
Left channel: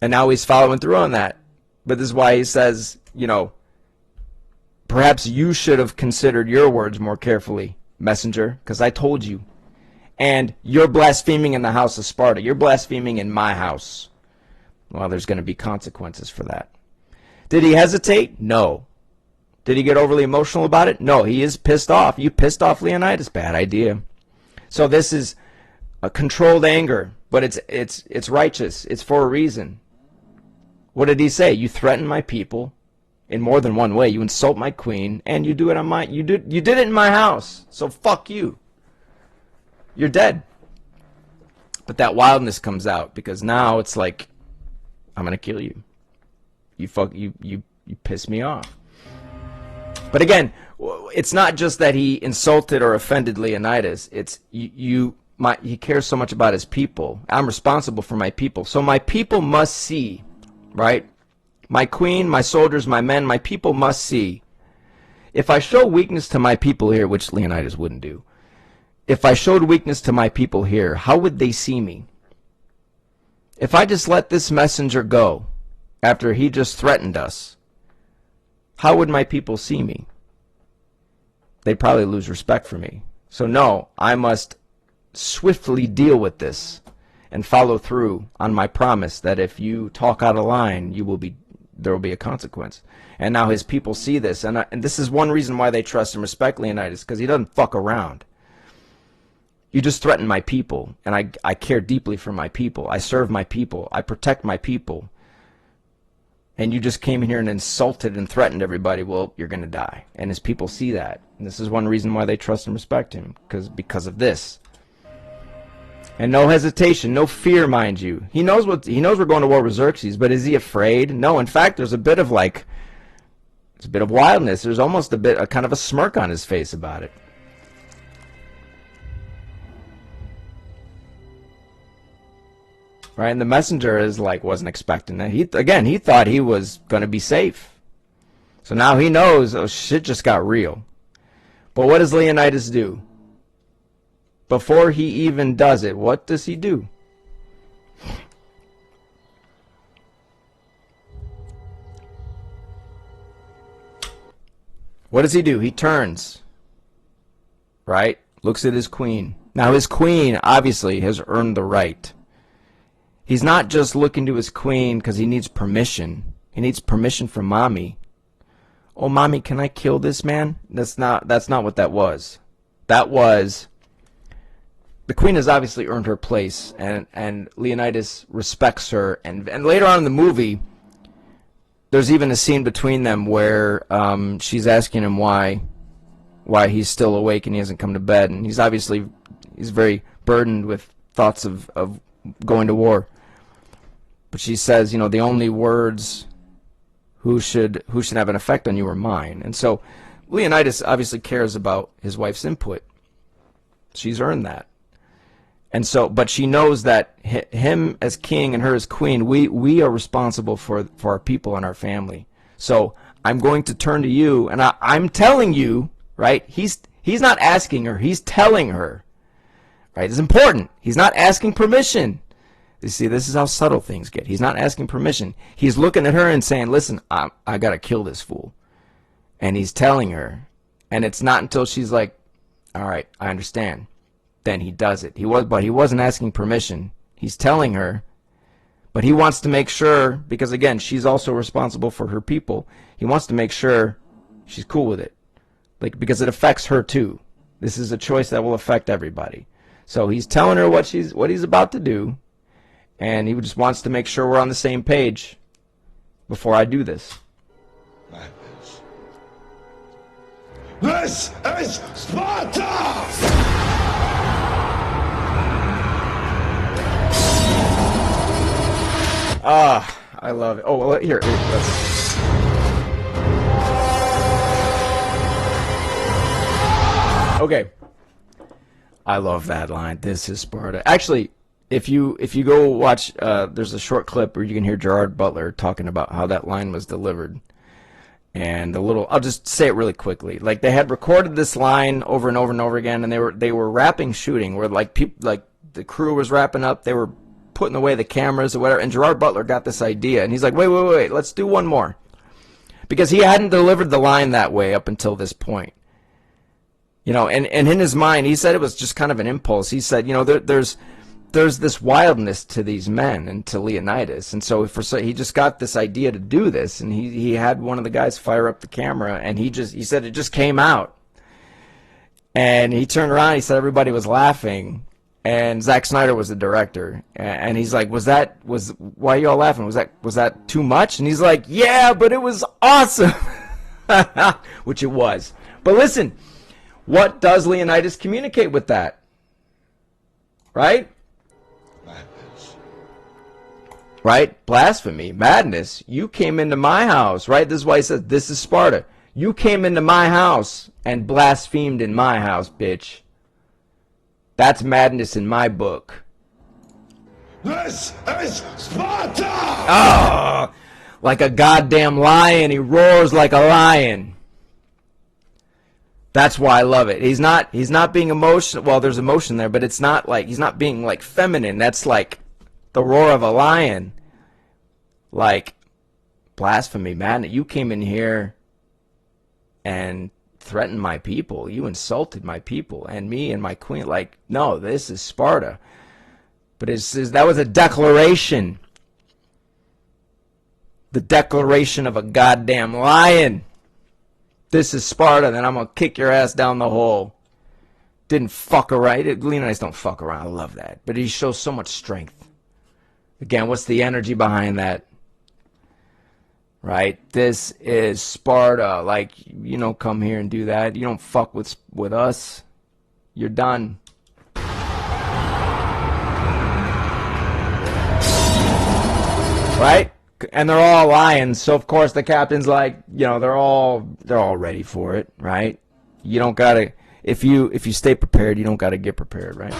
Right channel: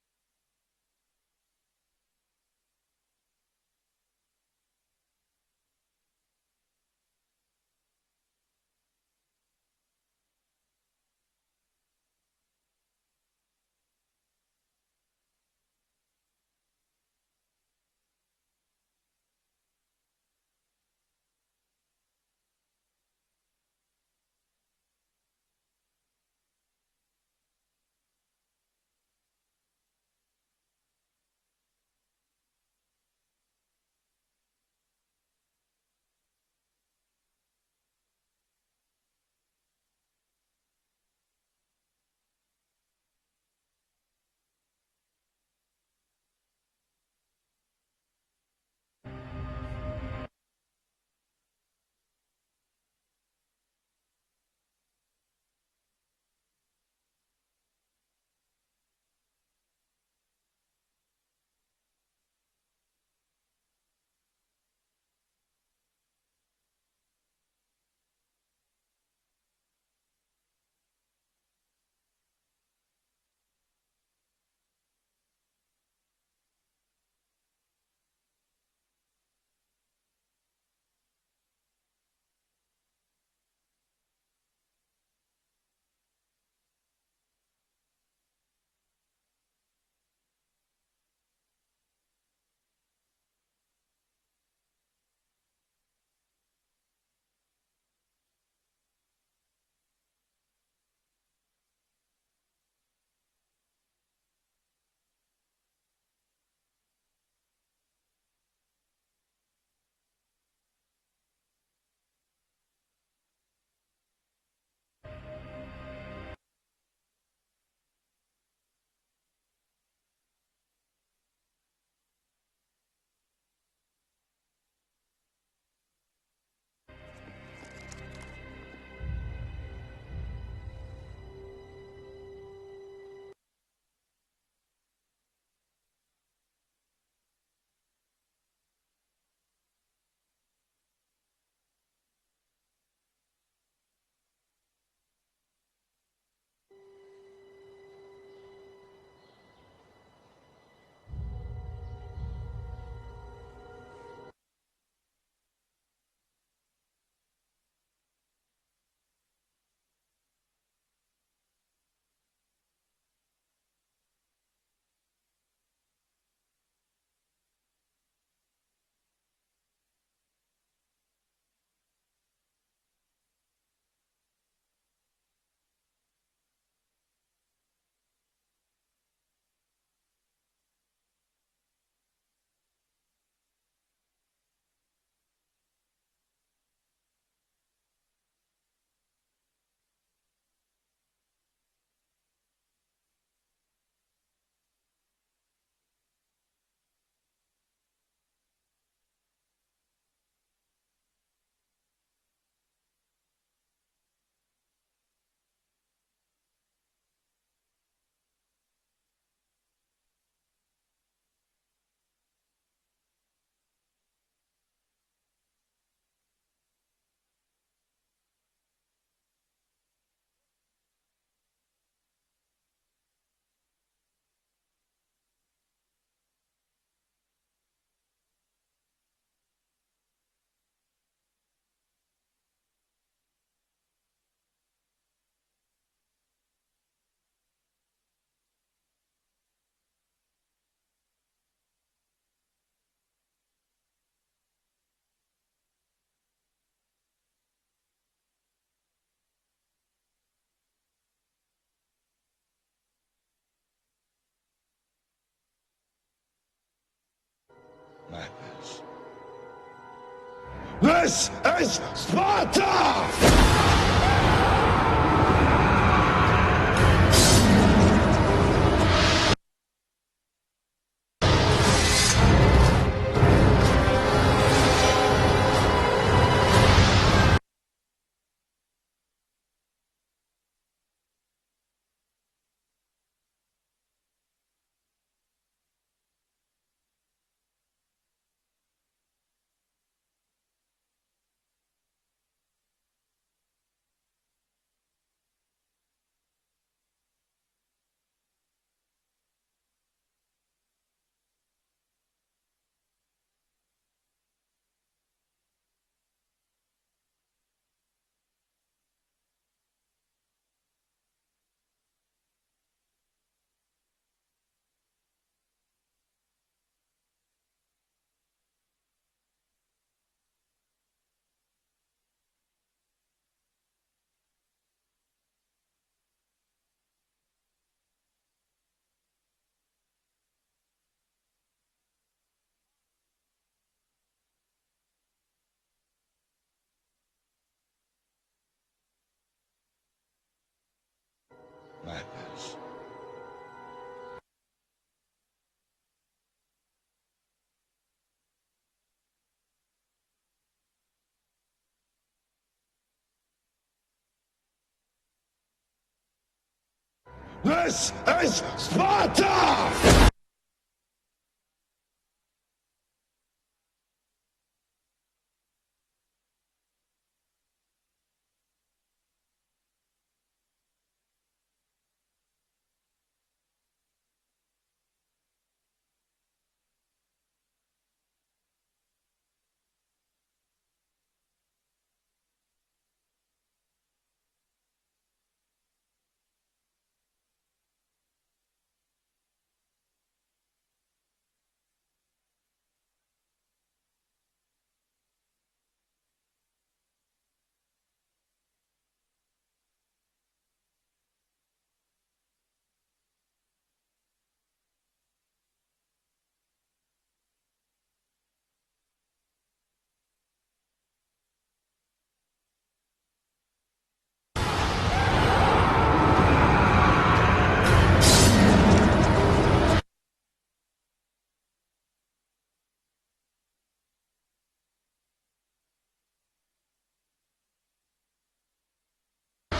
and now he's following through on that. But this is why he says, you know, perhaps you should have considered your words more carefully, messenger, because I told you. And you're blaspheming in the house of Sparta. You're blaspheming in my house. Well, there's going to be consequences for that. Did he hesitate? No. Did he get overly emotional about it? No, he is pissed off. You pissed off Leonidas. Bad idea. So this is a controlled anger, but it's righteous. It's for a reason. What did he say? You threaten my people in more than one way. You insult my queen, and you do it on my you did it in my house. So fuck you. You're dead. But that wildness comes out because now it's like, I'm gonna kill you. You piss me off. But again, it's not just that he insulted or offended Leonidas. It's he cares so much about his people. I'm responsible for my people. So my people must see, right? My queen, my soldiers, my men, my people must see. If I show weakness to my people here, which Leonidas wouldn't do, if I showed weakness to my people here, how would they see me? If I just let this messenger go after he just threatened us, how would my people see me? They'd probably lose respect for me. So no, I must swiftly deal with this and follow through on my promise that if you talk out of line, there will be a consequence. And now his people see this, and this is one reason why they trust and respect Leonidas, because he doesn't fuck around. You just threaten my people, and I care deeply for my people. I serve my people. I protect my people. And you just came in here and insulted and threatened everybody. Well, you're going to die. And his people see that. And this is one reason why they trust and respect him, because of this. And no hesitation, no fear, mind you. He knows we're going to war with Xerxes, but is he afraid? No, in fact, there's a bit of wildness. There's almost a kind of a smirk on his face about it. Right, and the messenger is like, wasn't expecting that. He thought he was going to be safe. So now he knows, oh, shit just got real. But what does Leonidas do? Before he even does it, what does he do? What does he do? He turns, right? Looks at his queen. Now his queen obviously has earned the right. He's not just looking to his queen because he needs permission. He needs permission from mommy. Oh, mommy, can I kill this man? That's not what that was. That was, the queen has obviously earned her place, and Leonidas respects her. And later on in the movie, there's even a scene between them where she's asking him why he's still awake and he hasn't come to bed. And he's very burdened with thoughts of going to war. But she says, you know, the only words who should have an effect on you are mine. And so Leonidas obviously cares about his wife's input. She's earned that. And so, but she knows that him as king and her as queen, we are responsible for our people and our family. So I'm going to turn to you, and I'm telling you, right? He's not asking her, he's telling her. Right? It's important. He's not asking permission. You see, this is how subtle things get. He's not asking permission. He's looking at her and saying, listen, I got to kill this fool. And he's telling her. And it's not until she's like, all right, I understand. Then he does it. But he wasn't asking permission. He's telling her. But he wants to make sure, because again, she's also responsible for her people. He wants to make sure she's cool with it. Because it affects her too. This is a choice that will affect everybody. So he's telling her what he's about to do, And he just wants to make sure we're on the same page before I do this. Madness. This is Sparta! Ah, I love it. Oh, well, here. Okay. I love that line. This is Sparta. Actually, if you go watch, there's a short clip where you can hear Gerard Butler talking about how that line was delivered. And I'll just say it really quickly. Like, they had recorded this line over and over and over again, and they were wrapping shooting, where like the crew was wrapping up, they were putting away the cameras or whatever, and Gerard Butler got this idea, and he's like, wait, let's do one more. Because he hadn't delivered the line that way up until this point. You know, and in his mind, he said it was just kind of an impulse. He said, you know, there's this wildness to these men and to Leonidas. And so he just got this idea to do this, and he had one of the guys fire up the camera, and he said it just came out. And he turned around, he said everybody was laughing. And Zack Snyder was the director, and he's like, why are you all laughing? Was that too much? And he's like, yeah, but it was awesome. Which it was. But listen, what does Leonidas communicate with that? Right? Madness. Right? Blasphemy, madness. You came into my house, right? This is why he says, this is Sparta. You came into my house and blasphemed in my house, bitch. That's madness in my book. This is Sparta! Oh, like a goddamn lion. He roars like a lion. That's why I love it. He's not being emotional. Well, there's emotion there, but it's not like, he's not being like feminine. That's like the roar of a lion. Like, blasphemy, man. You came in here and threatened my people. You insulted my people and me and my queen. Like, no, this is Sparta. But that was a declaration. The declaration of a goddamn lion. This is Sparta, then I'm going to kick your ass down the hole. Didn't fuck around. Leonidas don't fuck around. I love that. But he shows so much strength. Again, what's the energy behind that? Right? This is Sparta. Like, you don't come here and do that. You don't fuck with us. You're done. Right? And they're all lions, so of course the captain's like, you know, they're all ready for it, right? You don't gotta, if you stay prepared, you don't gotta get prepared, right?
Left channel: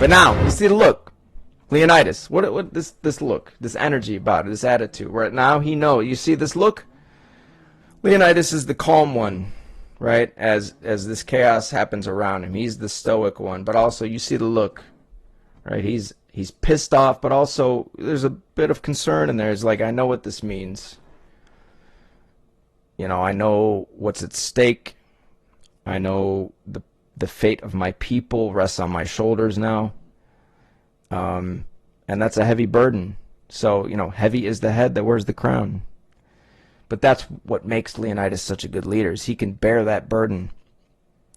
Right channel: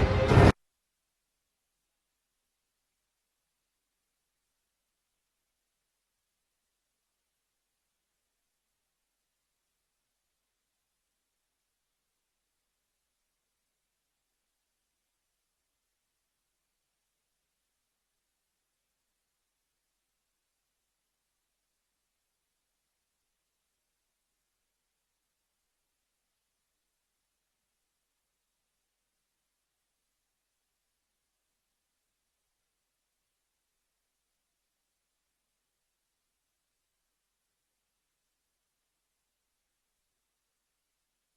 But now, you see the look, Leonidas. What this look, this energy about it, this attitude. Right now, he knows. You see this look. Leonidas is the calm one, right? As this chaos happens around him, he's the stoic one. But also, you see the look, right? He's pissed off, but also there's a bit of concern in there. It's like, I know what this means. You know, I know what's at stake. I know the fate of my people rests on my shoulders now. And that's a heavy burden. So, you know, heavy is the head that wears the crown. But that's what makes Leonidas such a good leader, is he can bear that burden.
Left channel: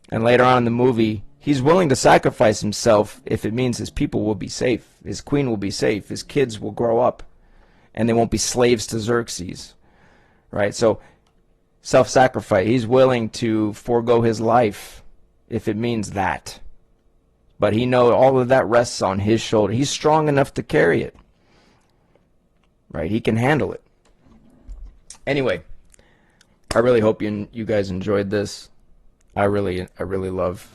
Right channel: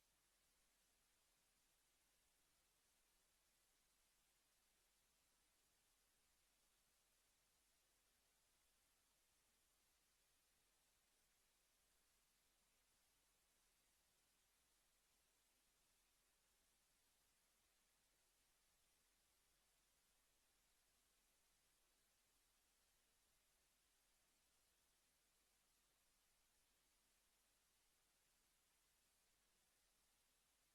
And later on in the movie, he's willing to sacrifice himself if it means his people will be safe. His queen will be safe. His kids will grow up. And they won't be slaves to Xerxes. Right? So, self-sacrifice. He's willing to forego his life if it means that. But he knows all of that rests on his shoulder. He's strong enough to carry it. Right? He can handle it. Anyway, I really hope you guys enjoyed this. I really love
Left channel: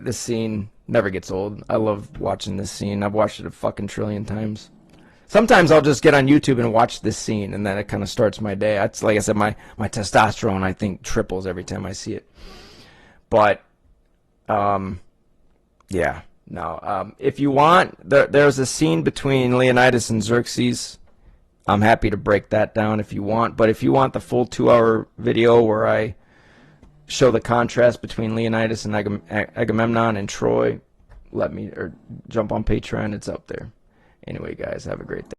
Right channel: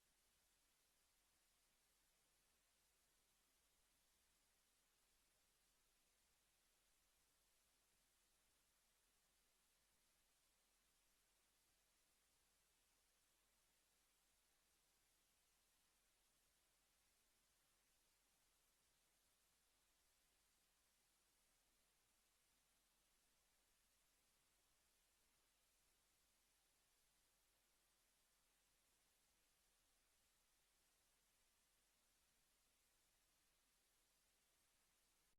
this scene. Never gets old. I love watching this scene. I've watched it a fucking trillion times. Sometimes I'll just get on YouTube and watch this scene, and then it kind of starts my day. It's like I said, my testosterone, I think, triples every time I see it. But, yeah. No. If you want, there's a scene between Leonidas and Xerxes. I'm happy to break that down if you want. But if you want the full 2-hour video where I show the contrast between Leonidas and Agamemnon and Troy, jump on Patreon. It's up there. Anyway, guys, have a great day.